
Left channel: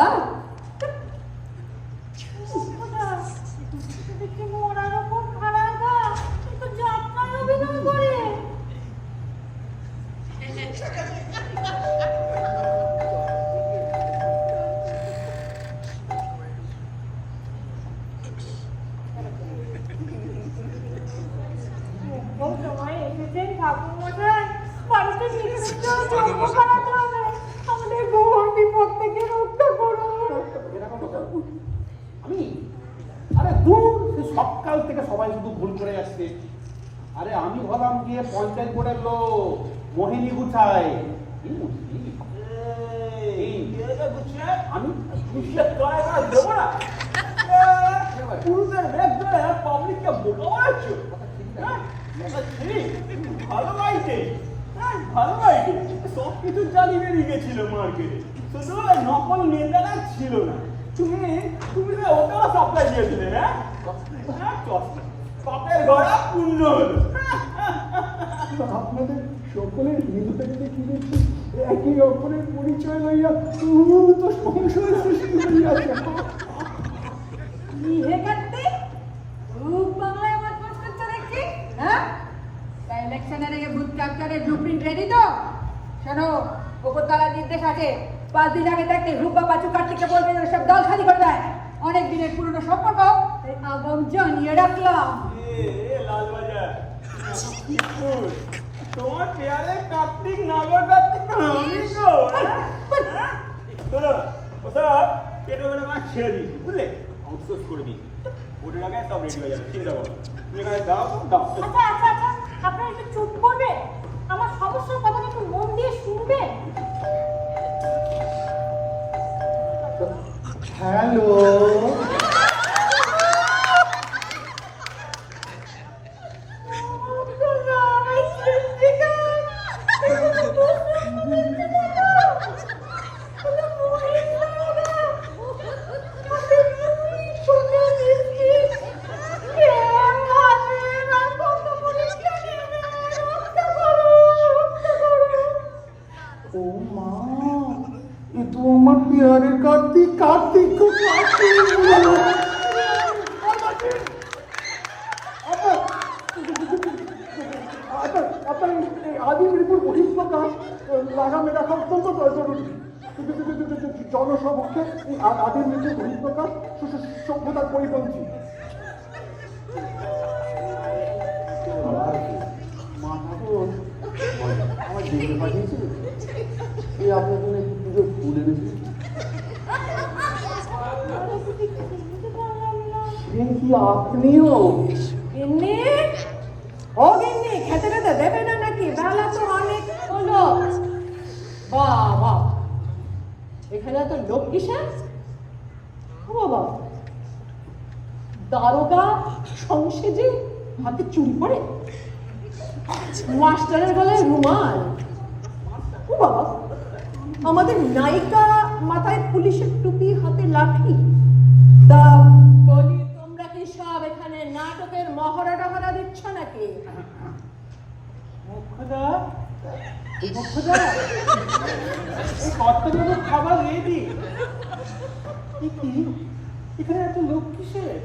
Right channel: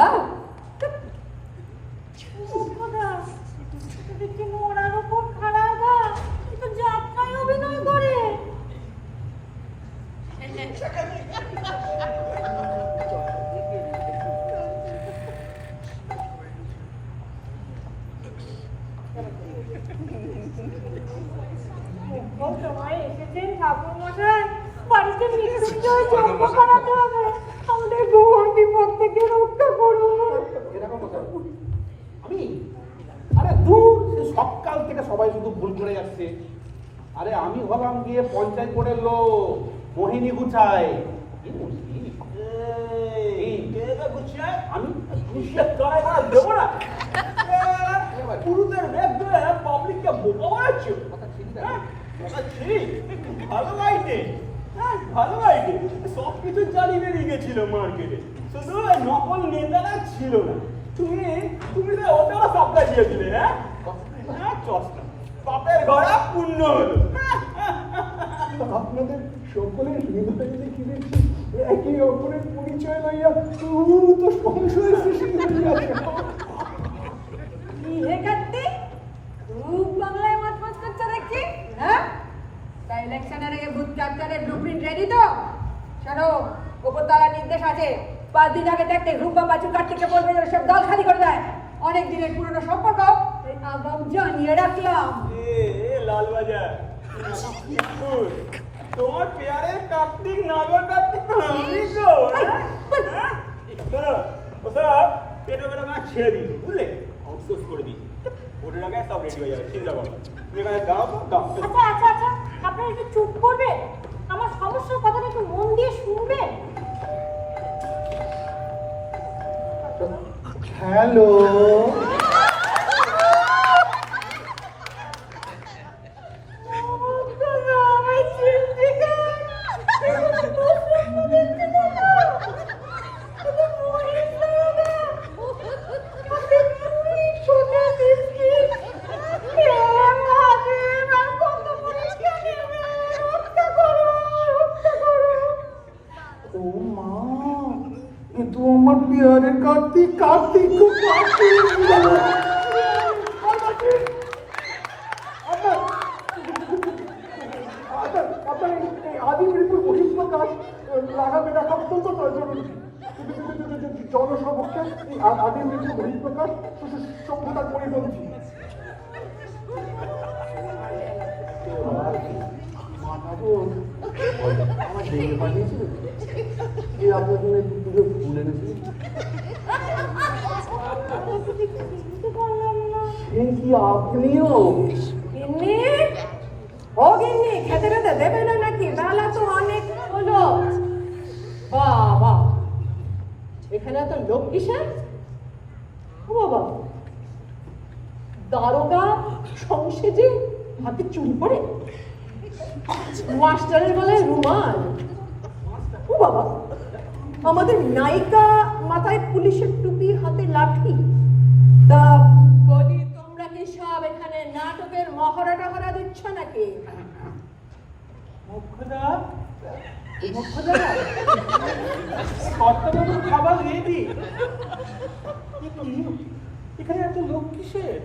আমাদের গোয়ার বিপদ থেকে রক্ষা করুন। আমি আরে দূর সে সকাল থেকে সবাই শুধু ভুল করে আসছে। আরে আমি হলাম গিয়ে পঞ্চায়েত বোর্ডের লোক, মোহিনী গুছাই। আমি পুরুষের বেশ ধরে পাবলিককে বোকা বানাচ্ছো। ভালো লাগছে, ভালো লাগছে। সব কিছু চালিয়ে বেরিয়ে গেছিল মার্কেটে, শুধু নকল নেতারা ছিল না। তুমি তো ওটাও সাপ্লাই দিয়েছিলে। হ্যাঁ চশমা বাপের ঘোড়া পূর্ণ হলো। আপনাদের সকলের হৃদয় দেখিলে একই অপরের পরিচয় লইয়া তো সংশয় সৃষ্টি হইয়াছে। নিজে কাটতে খুব বাংলায় মাছ মাছ করছে দেখছি। হ্যাঁ, ইলেকশনের আগে বুথ ক্যাপ্চারের ব্লুপ্রিন্ট রেডি তো? শোনো, ওপর তারা নির্দেশ আছে 5 দিন আগে থাকতে রূপা পাচু কার্তিককে বলবে ওসব দল খালি করে দেয়। অনেক দিনের পুরনো সম্পর্ক আগাম জানিয়ে রাখলাম। লালবাজার তোমার পেয়ারে কার্তিক নাগর কার্তিক আমি তো ওটা পেটে করে মাছ ছেড়ে দিই, বুঝলে? আউটসোর্স করে দিই, ওটার আগে সব রেডি হয়ে যাবে, চিন্তা করো। এখানে দাও দাও। আচ্ছা আচ্ছা আচ্ছা, আপনারা একটু চুপ করবেন, আমার সমস্যার কথাটা একটু মন দিয়ে শুনবেন। হ্যালো, ও মা, এ তো আমার বিহারের কার্তিক, কার্তিক তো আপনার এই আদি মৃত্যুর বহিঃপ্রকাশ লাগামে রাখা অত্যন্ত জরুরি। জনসমক্ষে এই আদি মৃত্যুর বহিঃপ্রকাশ সভ্যতার পরিপন্থী। আমার দেখে পাঠিয়েছিল, এই আপনার জন্য পুজো ফুল এনেছিল। সে কি আপনিও? গিন্নি, ও গিন্নি, খেতে খেতে দেবে না নাকি? বেলা তো অনেক হলো। বাবা, এখানে তো লোক কিসের? ও বাবা, দারোগা সংসেজে হাতে চুরি পড়ে, মাস্টারের গলায় রুমাল। ও বাবা, আমাদের নায়িকা মাথায় পুলিশের টুপি, হাতে লাঠি। তা বলি, তোমরা কি সব এখানে নাটকের মহড়া টহড়া দিচ্ছ নাকি? খাবার রেডি। কি এখানে এত লোক কিসের?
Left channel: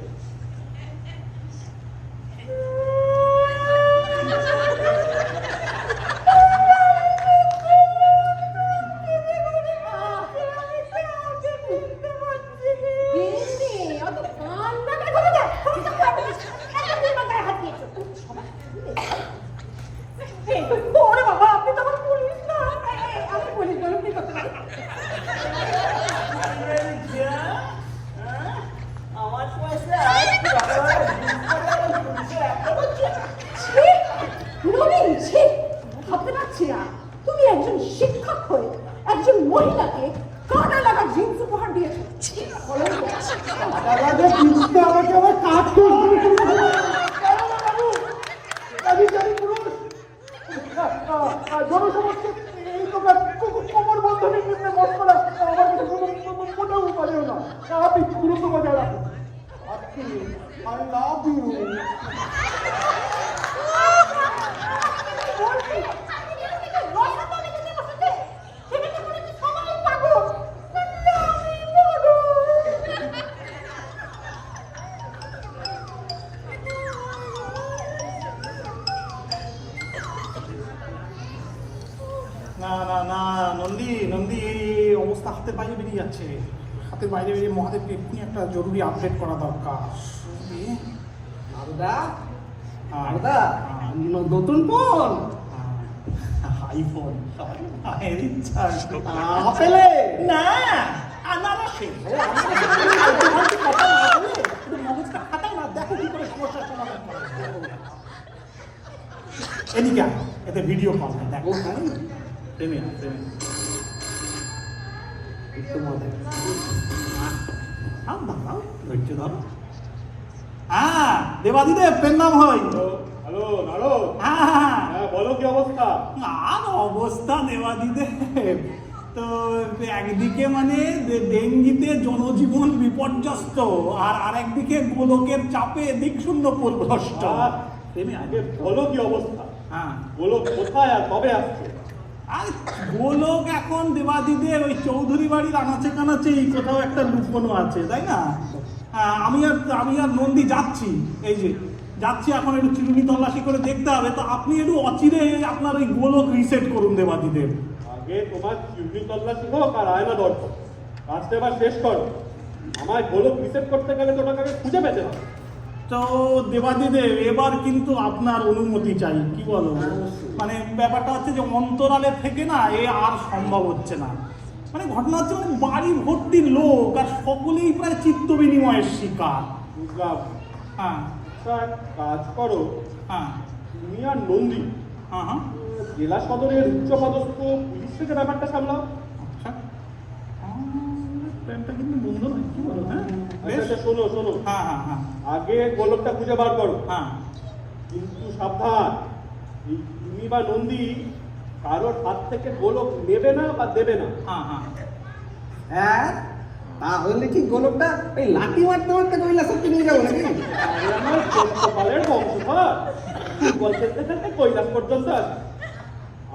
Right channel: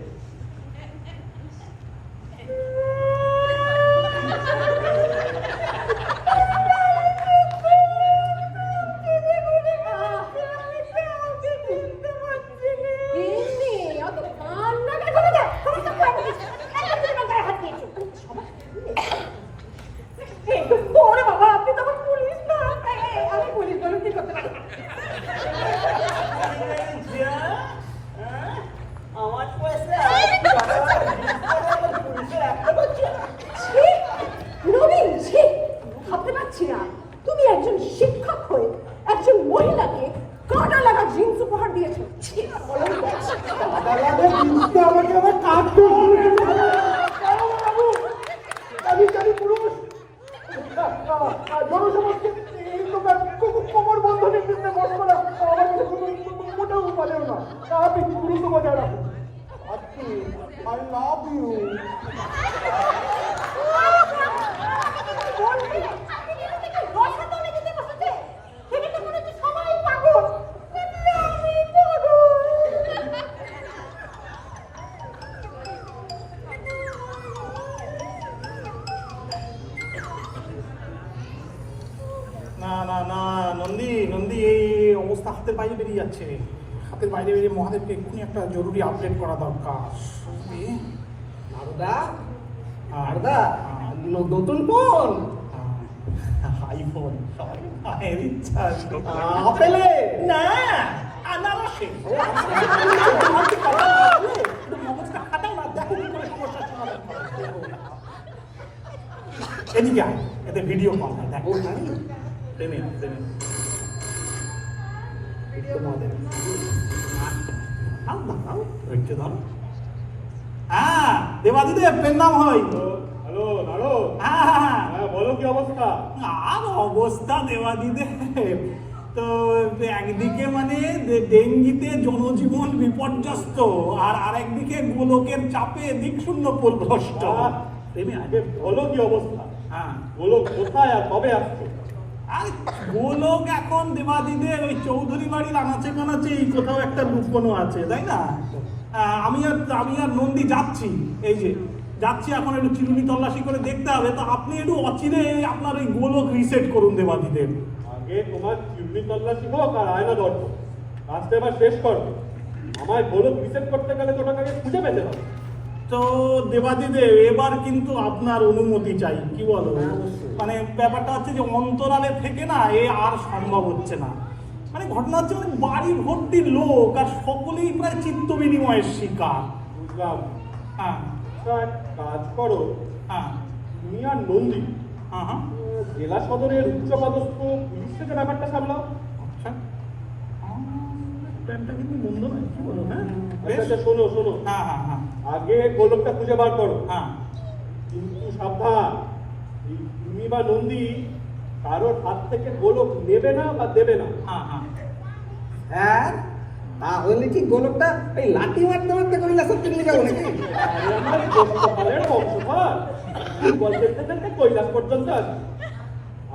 গিন্নি, অত কান্না কেন করে দেয়? ওরে বাবা, আপনি তো আমার পুলিশ না। আমি পুলিশ বলে কি করতে পারি? আমার পয়সা নবীন, ছি, ভাবতে পারছি না তুমি একজন শিক্ষক হয়ে একজন মহিলাকে কাঁটা লাগা জিন্স উপহার দিয়েছো। ছি, আমাকে আবার কাটতে হবে। জনসমক্ষে কোমর বন্ধনের মধ্যে মশকরা আমার কাছে মোটেও উপাদেয় না। আপনি গুরুত্ব বজায় রাখুন। আপনি আই লাভ ইউ। না না না, নন্দী নন্দী, এই অবস্থা হাতের বাইরে বেরিয়ে যাচ্ছে। হাতের বাইরে বেরিয়ে মহাদেবকে এক্ষুনি একটা জরুরি আপডেট করা দরকার। নতুন ফোন, আইফোন, এর ইচ্ছা আপেলে না, আনারসে। মগজটা খাটাও না, দেখো কি এদিকে আয়, এতে ভিডিও কল হয় দেখো ট্রেনে ট্রেনে হ্যাঁ দেবাদিদেব পেন্নাম হয়। হ্যালো নাড়ো, হ্যাঁ বলো কি অবস্থা? আর অবস্থা দেবাদিদেব, তো একদিকে মানে ডেঙ্গিতে জনজীবন বিপর্যস্ত, আর আরেকদিকে গোলকের চাপে দিকশূন্য পথভ্রষ্ট। আগে বলো কি অবস্থা, হ্যাঁ বলো কোথায় আর কবে আসছো? আর গোলক এখন দেবাদিদেব ওই চৌধুরী বাড়ির আনাচে কানাচে এই কোথাও একটা লুকোনো আছে, তাই না? আমি আর নন্দী যাচ্ছি, এই যে যাচ্ছি এখন, একটু চিরুনি তল্লাশি করে দেখতে হবে। তো আপনি একটু অচিরে আপনার ওই গোলক রিসেট করুন দেবাদিদেব। আগে তোমার চিরুনি তল্লাশি হোক আর আয়না দরকার, কাজটা এবার শেষ করো। আমায় গোলক রিসেট করতে গেলে তো ওটাকে খুঁজে পেতে হবে। তো দেবাদিদেব এবার কিন্তু আপনার অনুমতি চাই, কি বলো? মানে ব্যাপারটা হচ্ছে যে অন্তরালে থেকে না এ আর সম্ভব হচ্ছে না। মানে ঘটনা হচ্ছে মানে বাড়ি ভর্তি লোক আর সকলেই প্রায় চিত্ত বিনিময়ের শিকার। বুঝলাম। হ্যাঁ আচ্ছা এক কাজ করো, হ্যাঁ তুমি আর নন্দী হ্যাঁ হ্যাঁ জেলা সদরের উচ্চপদস্থ পুলিশ থেকে ব্যাপারটা সামলাও। আচ্ছা প্ল্যানটা কিন্তু মন্দ নয়, কি বলো? হ্যাঁ আচ্ছা আচ্ছা, শোনো শোনো, হ্যাঁ হ্যাঁ হ্যাঁ আগে গোলকটা খুঁজে বার করো, হ্যাঁ কিন্তু সাবধান, এই তুমি বা নন্দী কারোর হাত থেকে গোলক নেবে না বা দেবে না। হ্যাঁ হ্যাঁ হ্যাঁ, তাহলে কি গোলকটা এই লাঠি মারতে মারতে কৈলাসে নিয়ে যাবো নাকি? আরে আমার বংশপালের বংশধর, গল্প দেখতে দেখতে কৈলাস পর্যন্ত আছে।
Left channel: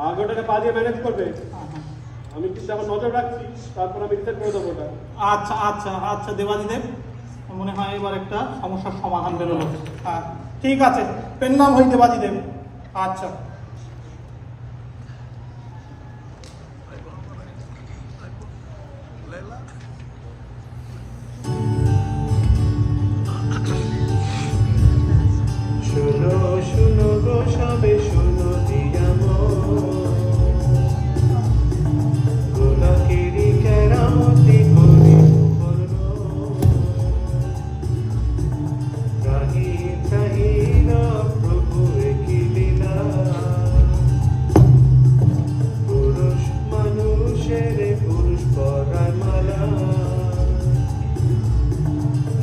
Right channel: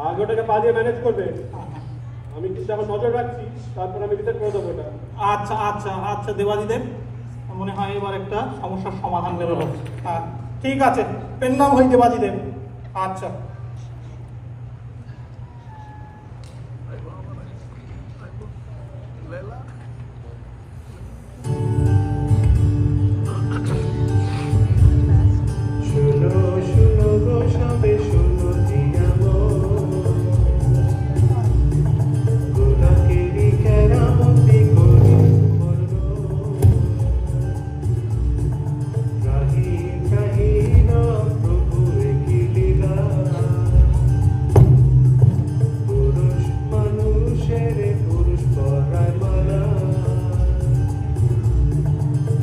আগে ওটাকে পা দিয়ে ম্যানেজ করবে, আমি কিন্তু এখন নজর রাখছি, তারপর আমি রিসেট করে দেবো ওটা। আচ্ছা আচ্ছা আচ্ছা দেবাদিদেব, মনে হয় এবার একটা সমস্যার সমাধান বেরোলো। ঠিক আছে, পেন নাম হই দেবাদিদেব। আচ্ছা লেলা শোনো শোনো গো সবে শোনো দিয়া গোলকেরই কেরামতি করি রাহি রাহি প্রভু কি লীলা, পুরুষ মানুষের পুরুষ পরার মালা,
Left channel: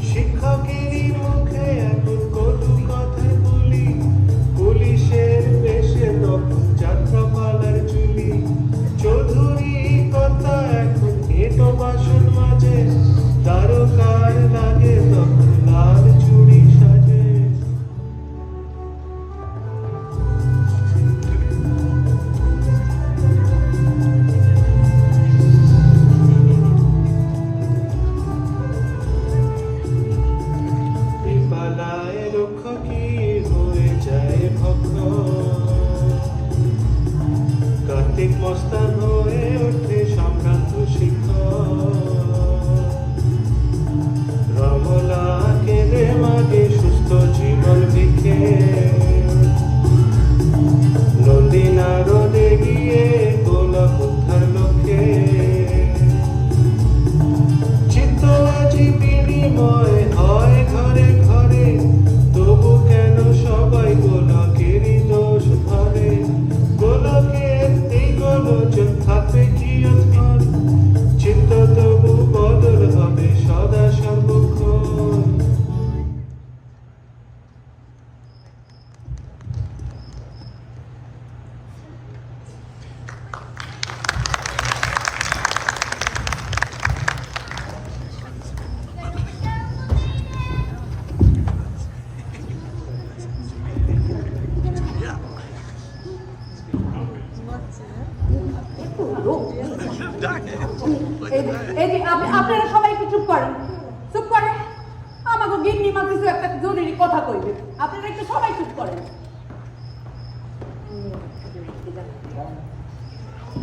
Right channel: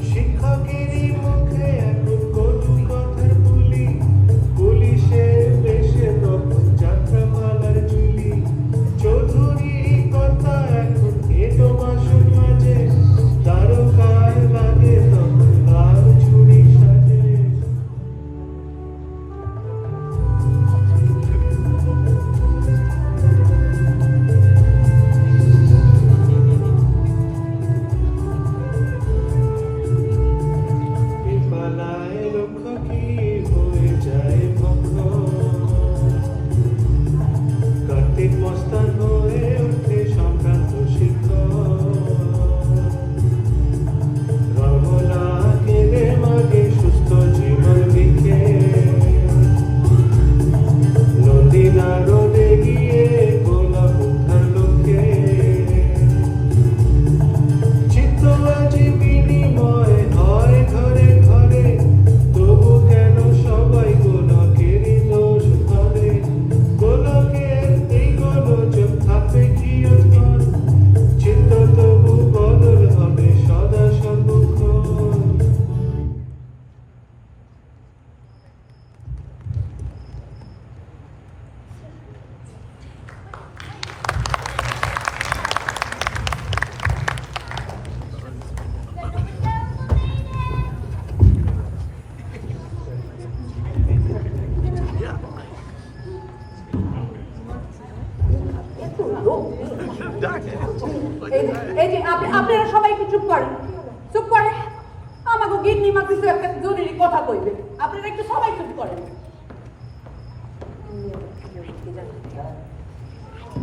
শিক্ষকেরই মুখে এমন কটু কথার বলি, পুলিশের দেশে তখন যাত্রাপালার চুলি, চৌধুরী কথা এখন এটো ভাষণ মাঝে, তারকার লাগে তখন লাল চুড়ি সাজে। পালায় লক্ষ্য কি হয়ে যায় ভক্ত, কার্তিক মস্তান হয়ে ওঠে সম্ভ্রান্ত শিক্ষক, রমলা কেঁদে মাগে সুস্থ জীবন লিখে, নদী নারদে গিয়ে গোলাপ উদ্ধার লোকে, চিত্ত আজি বিনিময় হয় ঘরে ঘরে, তবু কেন সবাই গোলকেরই দোষ ধরে, গোলকের এই গোলযোগ থাকবে চিরন্তন, চিত্ত তবু বদল হবে সদা সম্মুখীন। এই যে আপনারা সবাই একটু চুপ করেন, চুপ করেন। আমাকে গিন্নিমা কিছু একটা জরুরি কথা কইবে, আপনারা একটু সবাই চুপ করেন।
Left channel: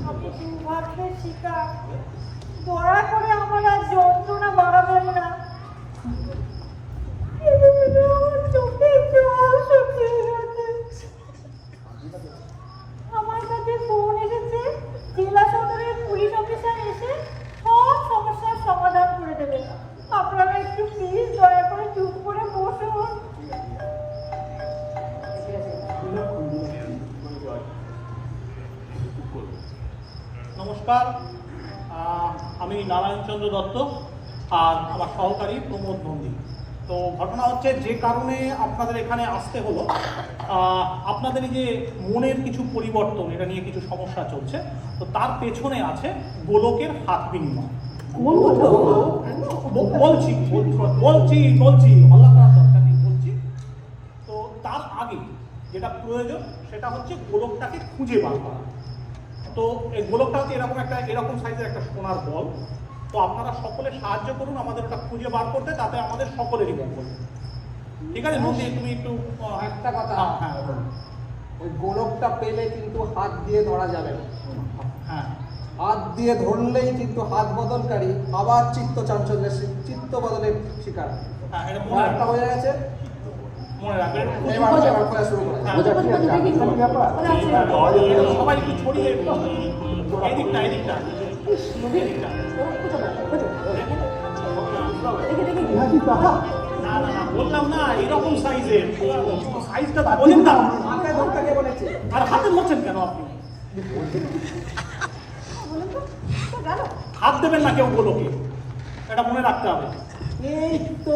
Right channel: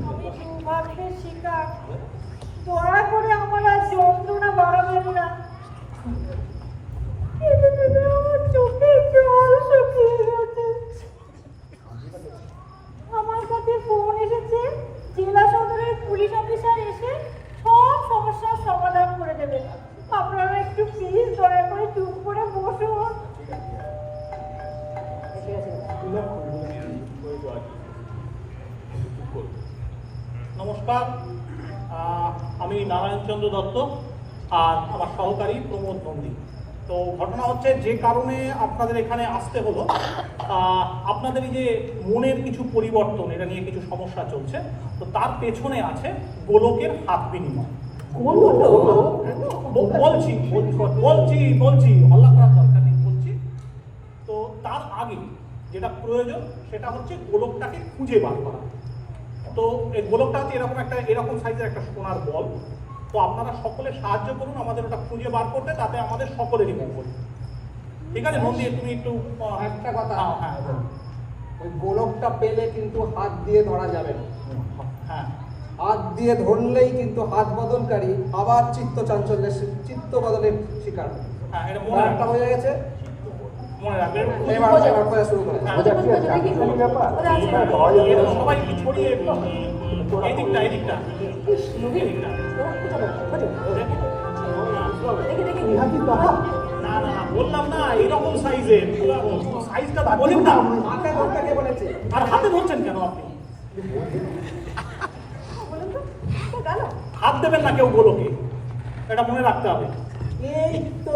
আমি দুর্ভাগ্যের শিকার, দয়া করে আমার আর যন্ত্রণা বাড়াবেন না। আমার চোখে জল শুকিয়ে গেছে। আমার কাছে ফোন এসেছে, জেলা সদরের পুলিশ অফিসার এসে সব সমস্যার সমাধান করে দেবেন। আপনারা একটু প্লিজ দয়া করে চুপ করে বসুন। নমস্কার, আমি নারায়ণচন্দ্র দত্ত আর আমার সহকারী প্রমোদ নন্দী। তো ঘটনা হচ্ছে, যে কারণে আপনাদের এখানে আসতে হলো, আপনাদের এই যে মনের কিছু পরিবর্তন, এটা নিয়ে কিছু সমস্যা চলছে, তো তার পেছনে আছে গোলকের হাত বিনিময়। বলছি হল্লা করার দরকার নেই, বলছি। তো তার আগে যেটা প্রয়োজন সেটা হচ্ছে গোলকটাকে খুঁজে বার করা। তো এই গোলকটা হচ্ছে এরকম সাইজের একটা সোনার বল। তো আপনারা সকলে সাহায্য করুন আমাদের ওটা খুঁজে বার করতে, তাতে আমাদের সকলেরই মঙ্গল। ঠিক আছে নন্দী, তুমি একটু একটা কথা, হ্যাঁ ওই গোলকটা পেলে কিন্তু হাত দিয়ে ধরা যাবে না। হ্যাঁ, হাত দিয়ে ধরলেই কিন্তু হাত বদলকারী আবার চিত্ত বদলের শিকার হবে। এটা ব্যাপারটা হয়ে গেছে, মনে রাখবে। এবার করা শুরু করা যাক। সবাই একটু ছড়িয়ে এদিকটা না, বললাম না এরকম সাইজের, সাইজটা তো বলেন না। আর হাতে ধরছেন কেন আপনি? হাত দেবেন না কেউ গোলকে, এটা মনে রাখতে হবে। এই তো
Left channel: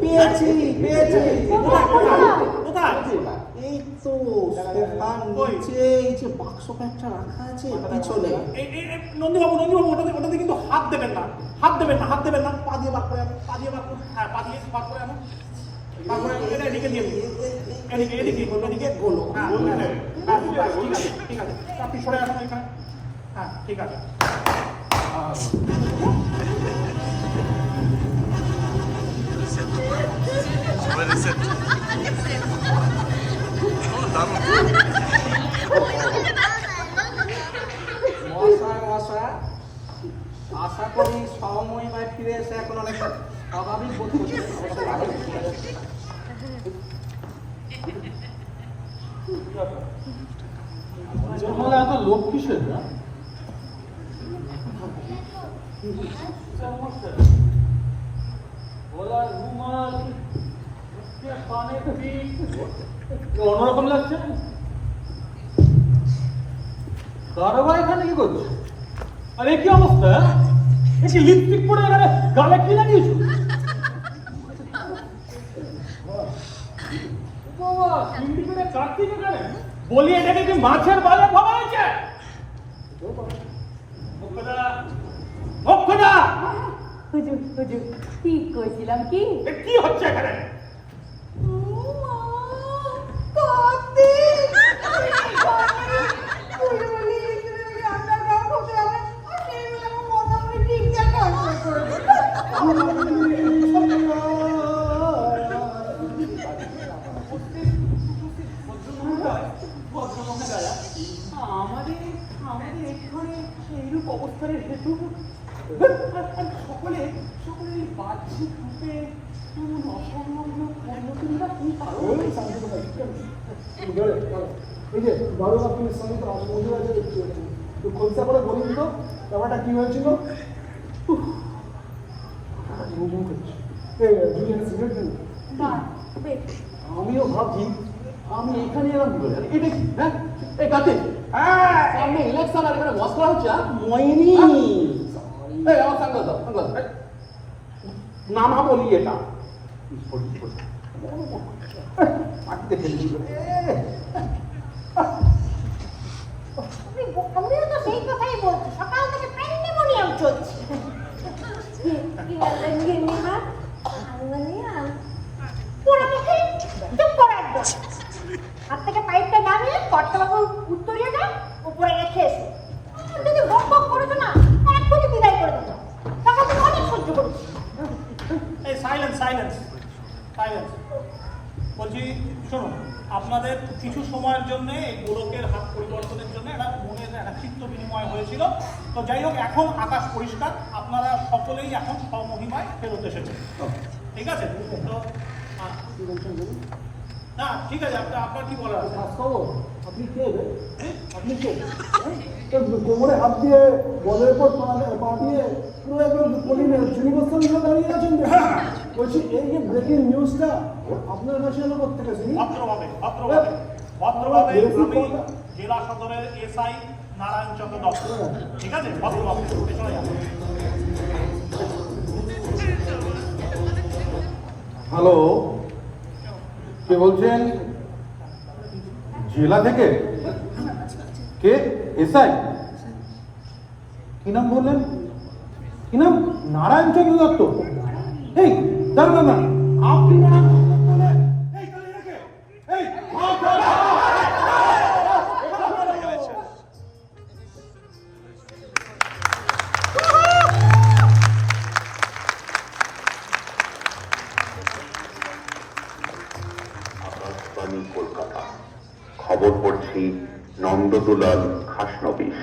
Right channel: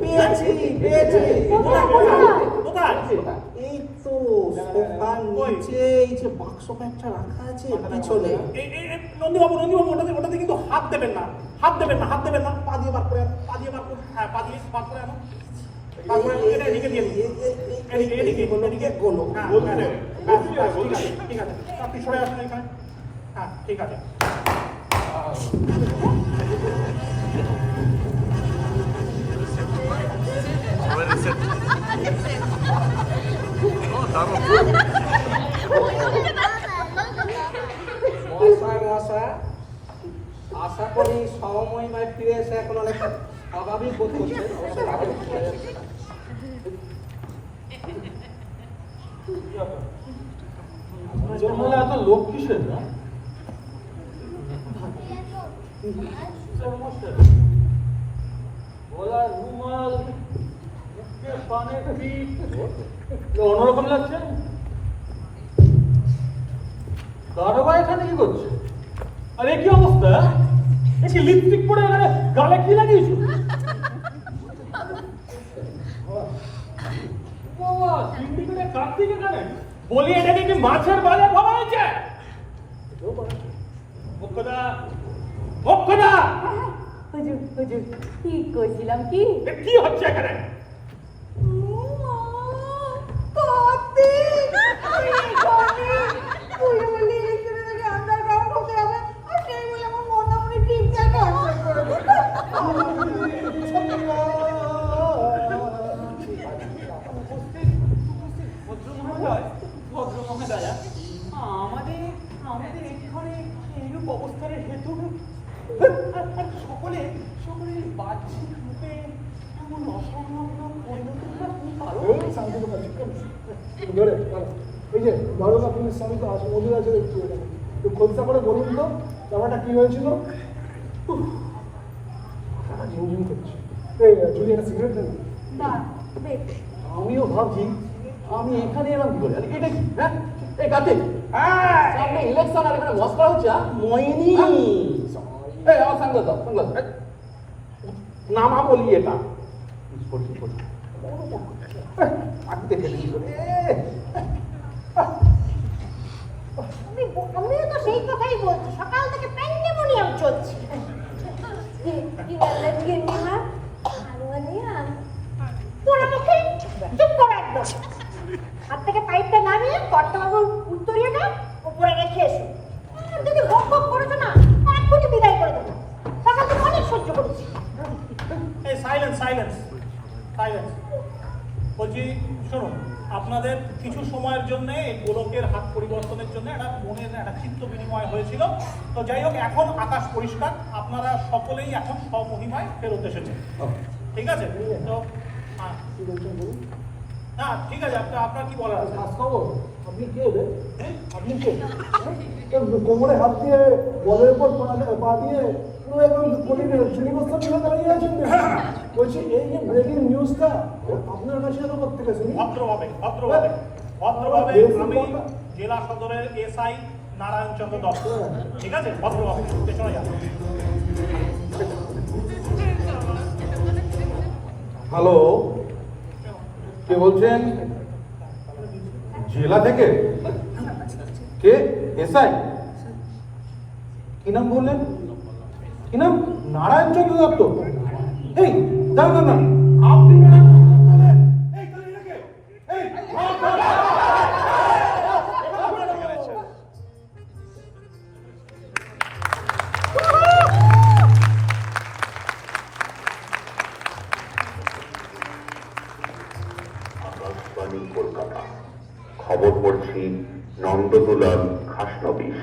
পেয়েছি কোথায়? এই তো সোফার নিচে এই যে বাক্স একটা রাখা আছে পিছনে। নন্দীবাবু ওটাতে কিন্তু হাত দেবেন না। পা দিয়ে বার করে, হ্যাঁ পা দিয়ে বার করে তারপরে এদিকে দিয়ে এদিকে গোলো। হ্যাঁ ঠিক আছে, আপনি সরে আসুন এখানে। হ্যাঁ ঠিক আছে। সবাই রিসেট। দারুণ। মশা আশা করি সময় ফিরে এসে এখন অনেক স্বাভাবিক বোধ করছে। এত লোক কিসের না? অন্যরকম লাগছে। দারোগা এখানে কি করছে? আরে কি অবস্থা? এই কি লিপস্টিক পরে গালে কি লাগিয়েছো? বাবা, চিংড়ি করে কাটতে এখানে বলি, এটাকে কি মাছের বাজার ভাবা হয়েছে? মুখ্যদা হুজুর ঠিক কইছিলাম কি? কি হচ্ছে এখানে? আমাদের এখানে এইরূপ অবস্থানের হেতু সকলে বাহ্যিক রূপে এই যে দারোগা পুলিশ স্বামী তো আছে, ওদের আছে, তো খোলসা করে বলুন তো ব্যাপারটা কি হয়েছিল? যদি একটা সিগারেট দেন। আমিও ভাবছি আমি এখানে এলাম কি করে? এটা কি? হ্যাঁ এই কাতে সামনে ইলেকশন আর এখানে বস করা হচ্ছে। মইনি এই আমার সঙ্গে দাও নামা বলি এটা দেখে আমিও তো সেই কথাই বলছি, সকাল থেকে প্যান্ডেমোনিয়াম চলছে। কি বললেন গিন্নিমা? আঙ্গুলিয়া পুরো মুখে চুপ করে একদম। হাত থেকে পাইপটা নামিয়ে কর্তাবাবুর উত্তরীয়টা উপরে রেখে এসে যদি বক বক করেছো না, এক্ষুনি বিদায় করে দেবো। সকাল থেকে অনেক সহ্য করেছি। সাইলেন্স বলছি, শোনো, আপনাদের কিছু সময়ের জন্য এই গোলকের হাত পরিবর্তনের জন্য একটা মনের একটা চিত্ত বিনিময় হয়েছিল। তো যাই হোক, এখন আকাশ পরিষ্কার, আপনারা সকলেই এখন স্বমহিমায় ফেরত এসেছেন। ঠিক আছে? তো না ঠিক আছে, আপনার কি বলার আছে? আপনি কি হবে? কোমরে হাত দিয়ে বলের পর পা দিয়ে পুরো একদম যুবস্থান ধরে দাঁড়িয়ে আছেন। বলছি এই যে ব্রেকিং নিউজটা আপনার কাছে করতে গেছে ভদ্রভাবে ভদ্রভাবে আমি জেলা সদরের এসআই নারায়ণ চন্দ্র দত্ত, ঠিক আছে, ভদ্রভাবে চলে যাবে। হ্যালো, কে বলছেন? জেলা থেকে? কে? এসআই? কি নাম বললেন? কি নাম? নারায়ণ চন্দ্র দত্ত? এই দাঁড়ান না, আপনি নারায়ণ চন্দ্র দত্ত বললেন? এই তাহলে এনাকে, এই আকাশবাণী কলকাতা। খবর পড়ছি নন্দদুলাল খাসনবিশ।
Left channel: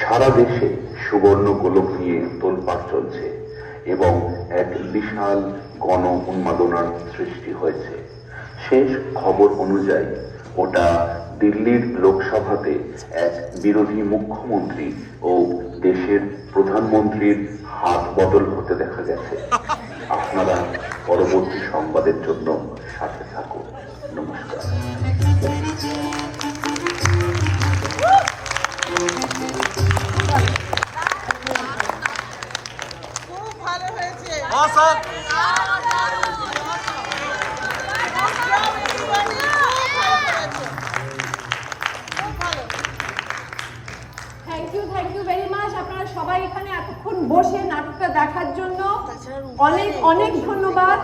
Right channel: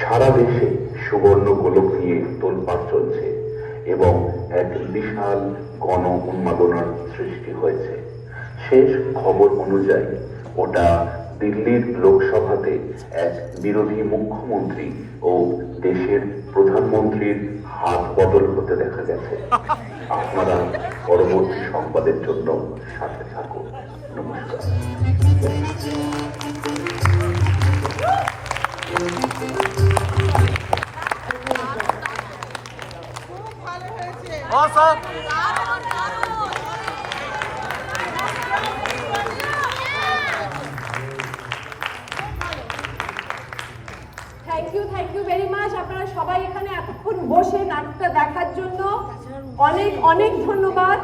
সারা দেশে সুবর্ণ গোলক নিয়ে তোলপাড় চলছে এবং এক বিশাল গণ উন্মাদনার সৃষ্টি হয়েছে। শেষ খবর অনুযায়ী ওটা দিল্লির লোকসভাতে এক বিরোধী মুখ্যমন্ত্রী ও দেশের প্রধানমন্ত্রীর হাত বদল হতে দেখা গেছে। আপনারা পরবর্তী সংবাদের জন্য সাথে থাকুন। নমস্কার। Thank you very much. আপনারা সবাই এখানে এতক্ষণ বসে নাটকটা দেখার জন্য অনেক অনেক ধন্যবাদ।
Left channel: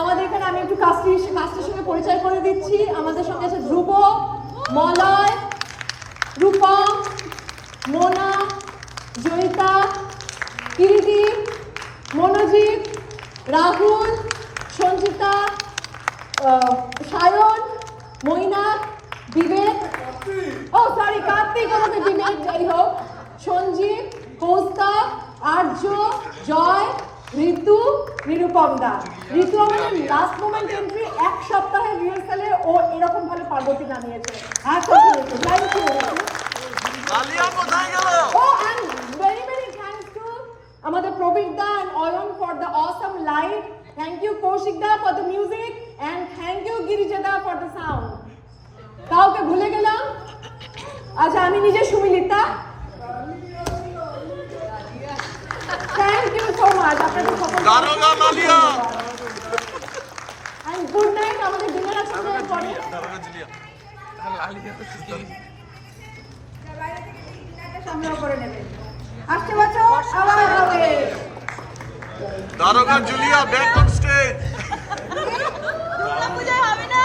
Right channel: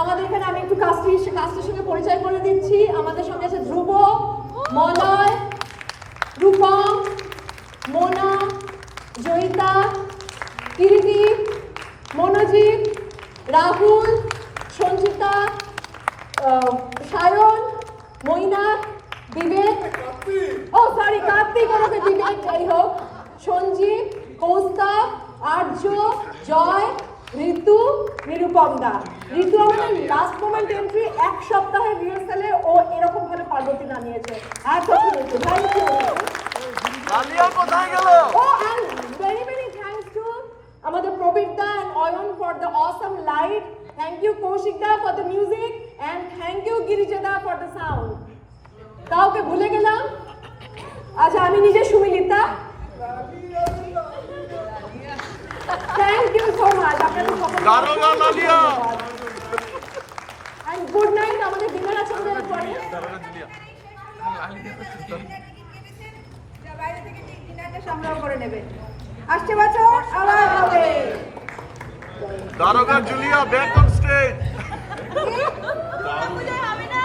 আমাদের এখানে আমি একটু কাস্টের সঙ্গে পরিচয় করে দিচ্ছি। আমাদের সঙ্গে আছে ধ্রুব, মলয়, রূপম, মোনা, জয়িতা, কিরিটি, মনোজিৎ, রাহুল, সঞ্চিতা, সায়ন, মইনা, বিবেক, কার্তিক, বিবেক, যাই হোক, সঞ্জীব, কৌস্তা, আর্য, জয়, ঋতু, নিরুপম দা। ঋতু আমাদের লাস্ট মোমেন্ট এন্ট্রি, এক সপ্তাহের রিহার্সালে ও এরকম ভাবে পর্বতে নামিয়েছে। আমাদের প্রবীর দা and Oyun for the awesome light. Thank you Kaushik da for the music and thank you Girija da for the sound. কাউকে ভুলে গেলাম? আচ্ছা, আমি নিজে সুমিলিতা। Thank you so much. দারোগা লালিয়া। And good night আমাদের ডিনার আছে দারোগা জুলিয়া। বাইরে থেকে ডিনারটা সামনে করে নেবেন। আসছে বছর আবার হবে। দারোগা জুলিয়া ব্যাক অন স্টেজ। হবে না?